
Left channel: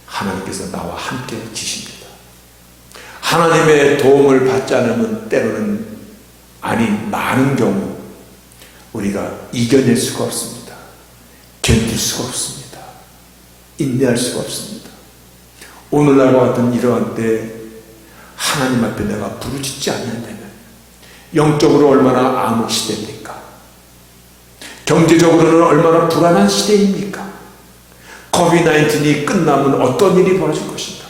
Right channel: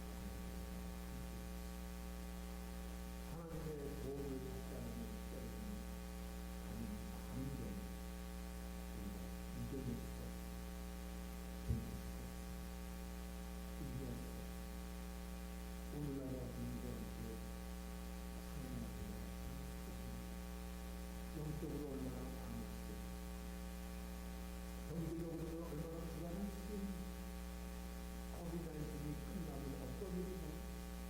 하나님께서 나와 함께 지십니다. 하나님의 도움을 받지 않으면 때로는, 아니 많은 경우 우리가 이겨낼 수가 없습니다. 견딜 수가 없습니다. 인내할 수가 없습니다. 오늘날과 같은 이러한 때 하나님 앞에 내가 부르짖지 않는다면 영적으로 얼마나 암흑 시대입니까? 경제적으로는 얼마나 불안한 시대입니까? 코비드-19이 끝나면 어떤 일이 벌어질 것인가?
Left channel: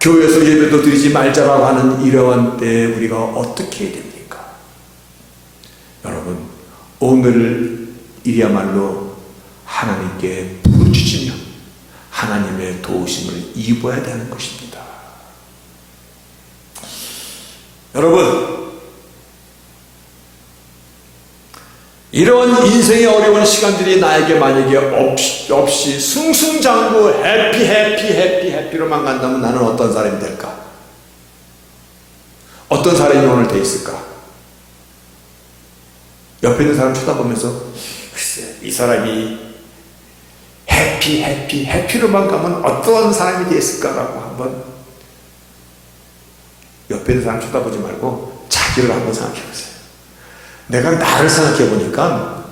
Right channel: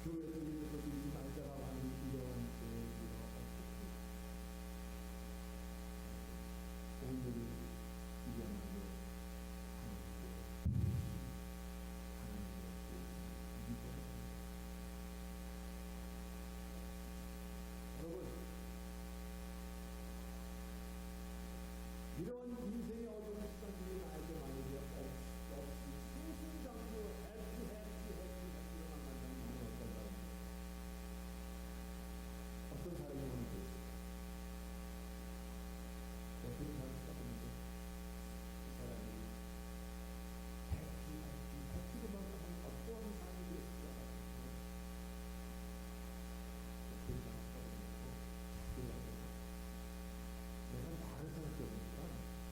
교회에서 예배도 드리지 말자라고 하는 이러한 때에 우리가 어떻게 해야 됩니까? 여러분, 오늘이야말로 하나님께 부르짖으며 하나님의 도우심을 입어야 되는 것입니다. 여러분, 이런 인생의 어려운 시간들이 나에게 만약에 없이 승승장구 해피로만 간다면 나는 어떤 사람이 될까? 어떤 사람이 오늘 돼 있을까? 옆에 있는 사람 쳐다보면서 글쎄, 이 사람이 해피로만 가면 어떤 사람이 돼 있을까라고 한번 옆에 있는 사람 쳐다보지 말고 자기를 한번 생각해 보세요. 내가 나를 생각해 보니까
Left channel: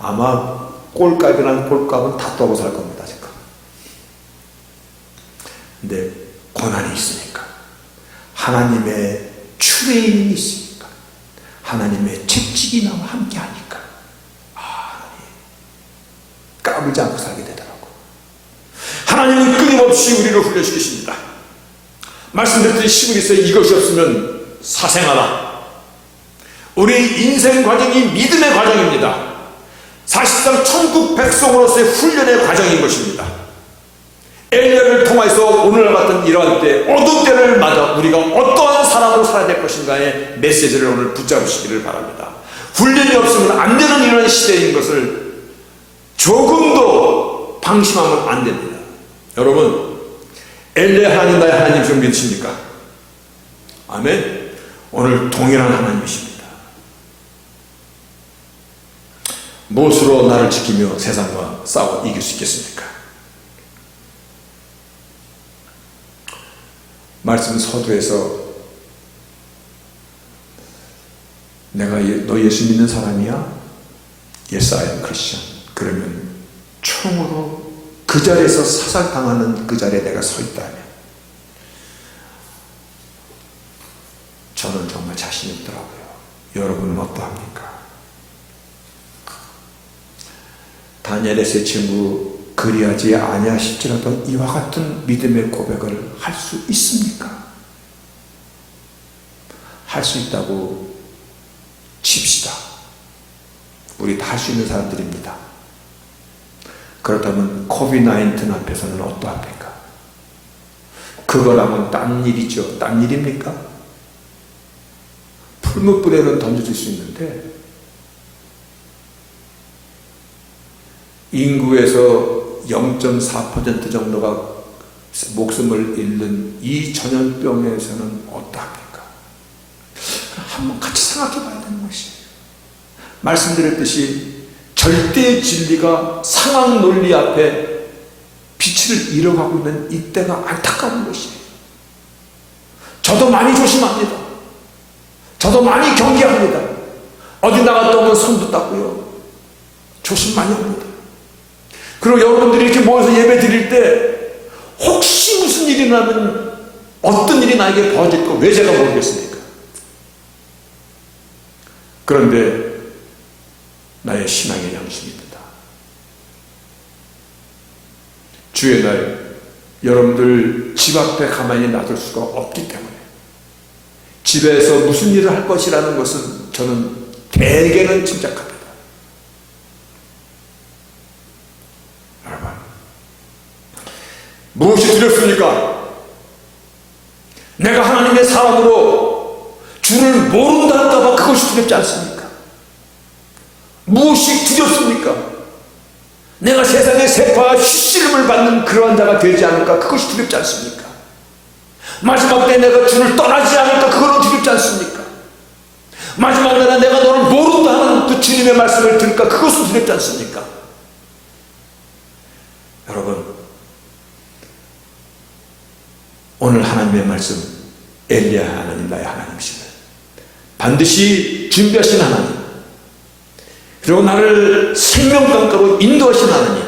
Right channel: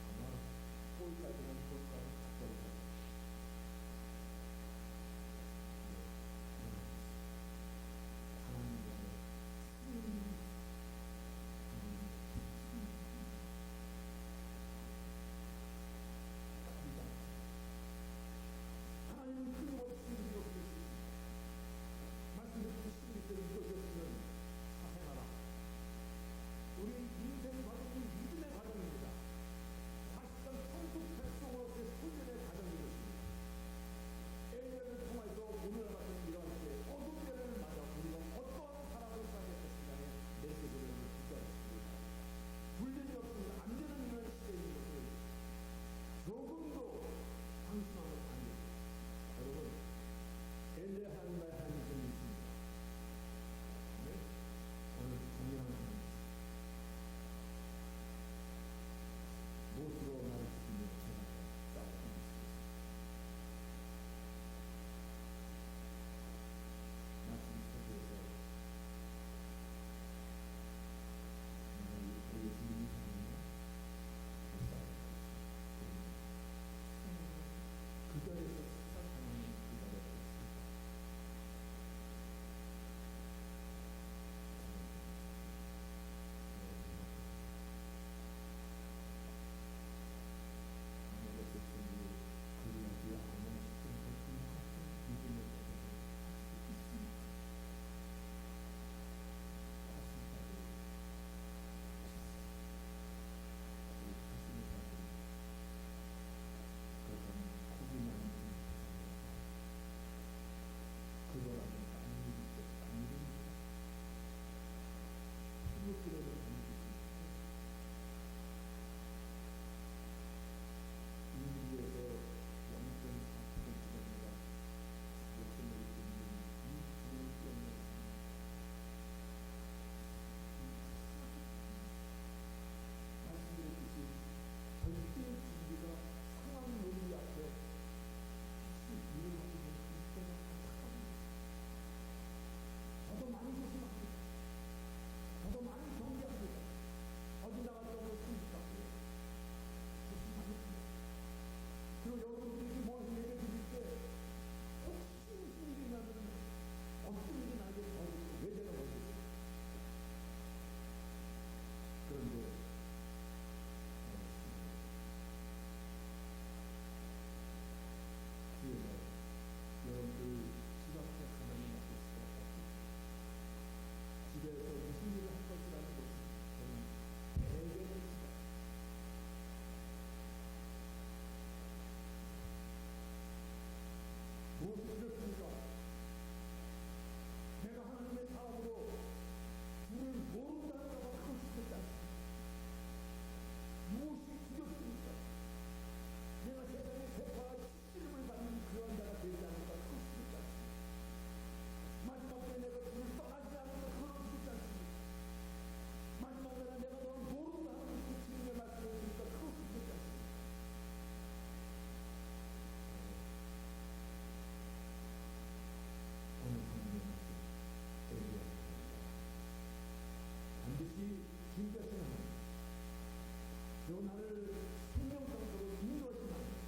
아마 꼴값이란 꼴값은 다 떠고 살 겁니다, 지금. 근데 고난이 있으니까, 하나님의 추레임이 있으니까, 하나님의 채찍이 나와 함께 하니까, 하나님 까불지 않고 살게 되더라고. 하나님은 끊임없이 우리를 훈련시키십니다. 말씀드렸듯이 시골에서 이것이 없으면 사생하다. 우리 인생 과정이 믿음의 과정입니다. 사실상 천국 백성으로서의 훈련의 과정인 것입니다. 엘리야를 통해서 오늘 같은 이러한 때, 어두운 때를 맞아 우리가 어떠한 사람으로 살아야 될 것인가의 메시지를 오늘 붙잡으시기를 바랍니다. 훈련이 없으면 안 되는 이런 시대인 것을 조금도 방심하면 안 됩니다. 여러분, 엘리야 하나님, 나의 하나님 좀 믿으십니까? 아멘. 오늘 동일한 하나님이십니다. 무엇으로 나를 지키며 세상과 싸워 이길 수 있겠습니까? 말씀 서두에서 내가 너 예수 믿는 사람이야? Yes, I am Christian. 그러면 총으로 그 자리에서 사살당하는 그 자리에 내가 서 있다면 저는 정말 자신이 없더라고요. 여러분은 어떠합니까? 다니엘의 세 친구 그리하지 아니하실지라도 이와 같은 믿음의 고백을 할 수 있습니까? 할 수 있다고 칩시다. 우리 다 할 수 있는 사람들입니다. 그렇다면 코비드-19 앞에서는 어떠합니까? 그거라면 딴 일이죠. 딴 일입니까? 풀무불에는 던져줄 수 있는데 인구에서 0.4% 정도가 목숨을 잃는 이 전염병에서는 어떠합니까? 한번 같이 생각해 봐야 되는 것이에요. 말씀드렸듯이 절대 진리가 상황 논리 앞에 빛을 잃어가고 있는 이때가 안타까운 것이에요. 저도 많이 조심합니다. 저도 많이 경계합니다. 어디 나갔다 오면 손도 닦고요. 조심 많이 합니다. 그리고 여러분들이 이렇게 모여서 예배 드릴 때 혹시 무슨 일이 나면 어떤 일이 나에게 벌어질까 왜 제가 모르겠습니까? 그런데 나의 신앙의 양심입니다. 주의 날 여러분들 집 앞에 가만히 놔둘 수가 없기 때문에 집에서 무슨 일을 할 것이라는 것은 저는 대개는 짐작합니다. 여러분, 무엇이 두렵습니까? 내가 하나님의 사람으로 주를 모른다 할까봐 그것이 두렵지 않습니까? 무엇이 두렵습니까? 내가 세상의 세파와 휘씨름을 받는 그러한 자가 되지 않을까? 그것이 두렵지 않습니까? 마지막 때 내가 주를 떠나지 않을까? 그거는 두렵지 않습니까? 마지막 날에 내가 너를 모른다 하는 그 주님의 말씀을 들을까? 그것은 두렵지 않습니까? 여러분, 오늘 하나님의 말씀, 엘리야 하나님 나의 하나님이시네. 반드시 준비하신 하나님, 그리고 나를 생명강가로 인도하신 하나님,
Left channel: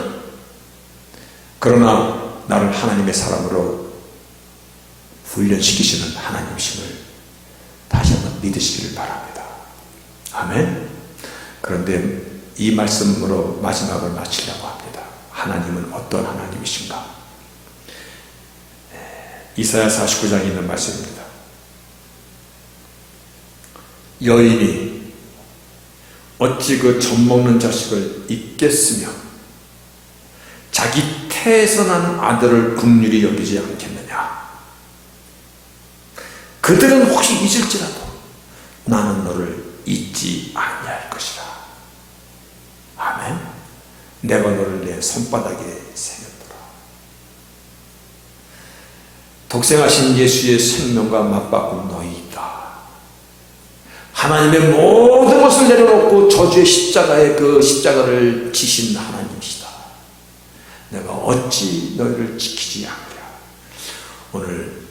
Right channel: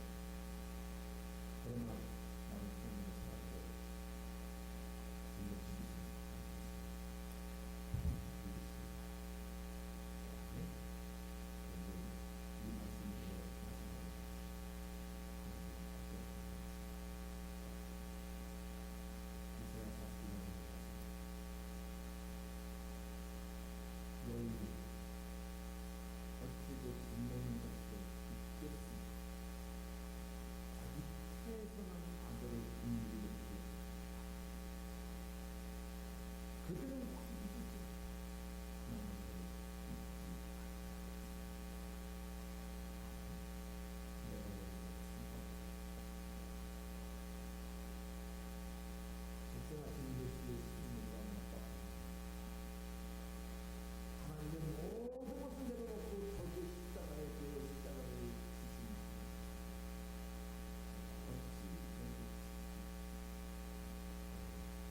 그러나 나를 하나님의 사람으로 훈련시키시는 하나님이심을 다시 한번 믿으시기를 바랍니다. 아멘. 그런데 이 말씀으로 마지막을 마치려고 합니다. 하나님은 어떤 하나님이신가? 이사야 49장에 있는 말씀입니다. 여인이 어찌 그 젖먹는 자식을 잊겠으며 자기 태에서 난 아들을 긍휼히 여기지 않겠느냐. 그들은 혹시 잊을지라도 나는 너를 잊지 아니할 것이라. 아멘. 내가 너를 내 손바닥에 새겼더라. 독생하신 예수의 생명과 맞바꾼 너희이다. 하나님의 모든 것을 내려놓고 저주의 십자가에 그 십자가를 지신 하나님이시다. 내가 어찌 너희를 지키지 않으랴. 오늘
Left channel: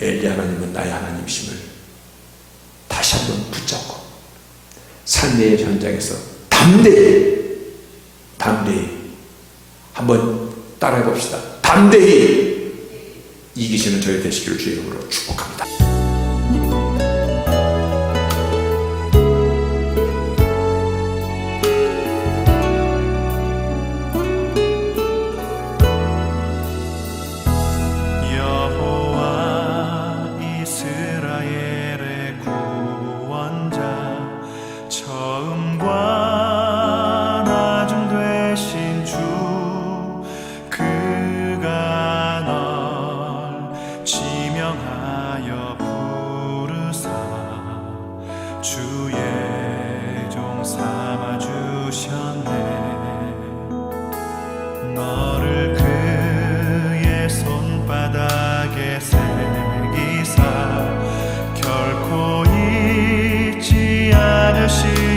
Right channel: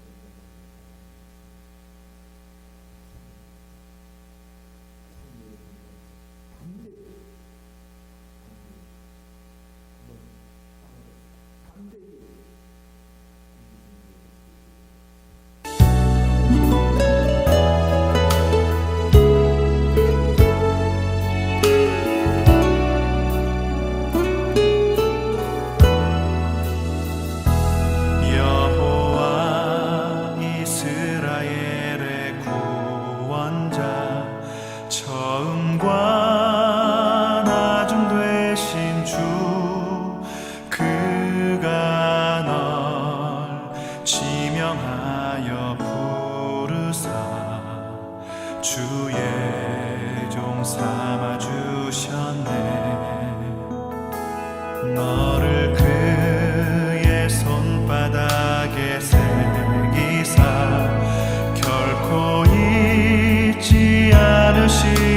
엘리 하나님은 나의 하나님이심을 다시 한번 붙잡고 삶의 현장에서 담대히 한번 따라해 봅시다. 담대히 이기시는 저희 되시기를 주의 이름으로 축복합니다. 주의 종 삼아주셨네. 너를 그의 손바닥에 새기사 결코 잊지 않으시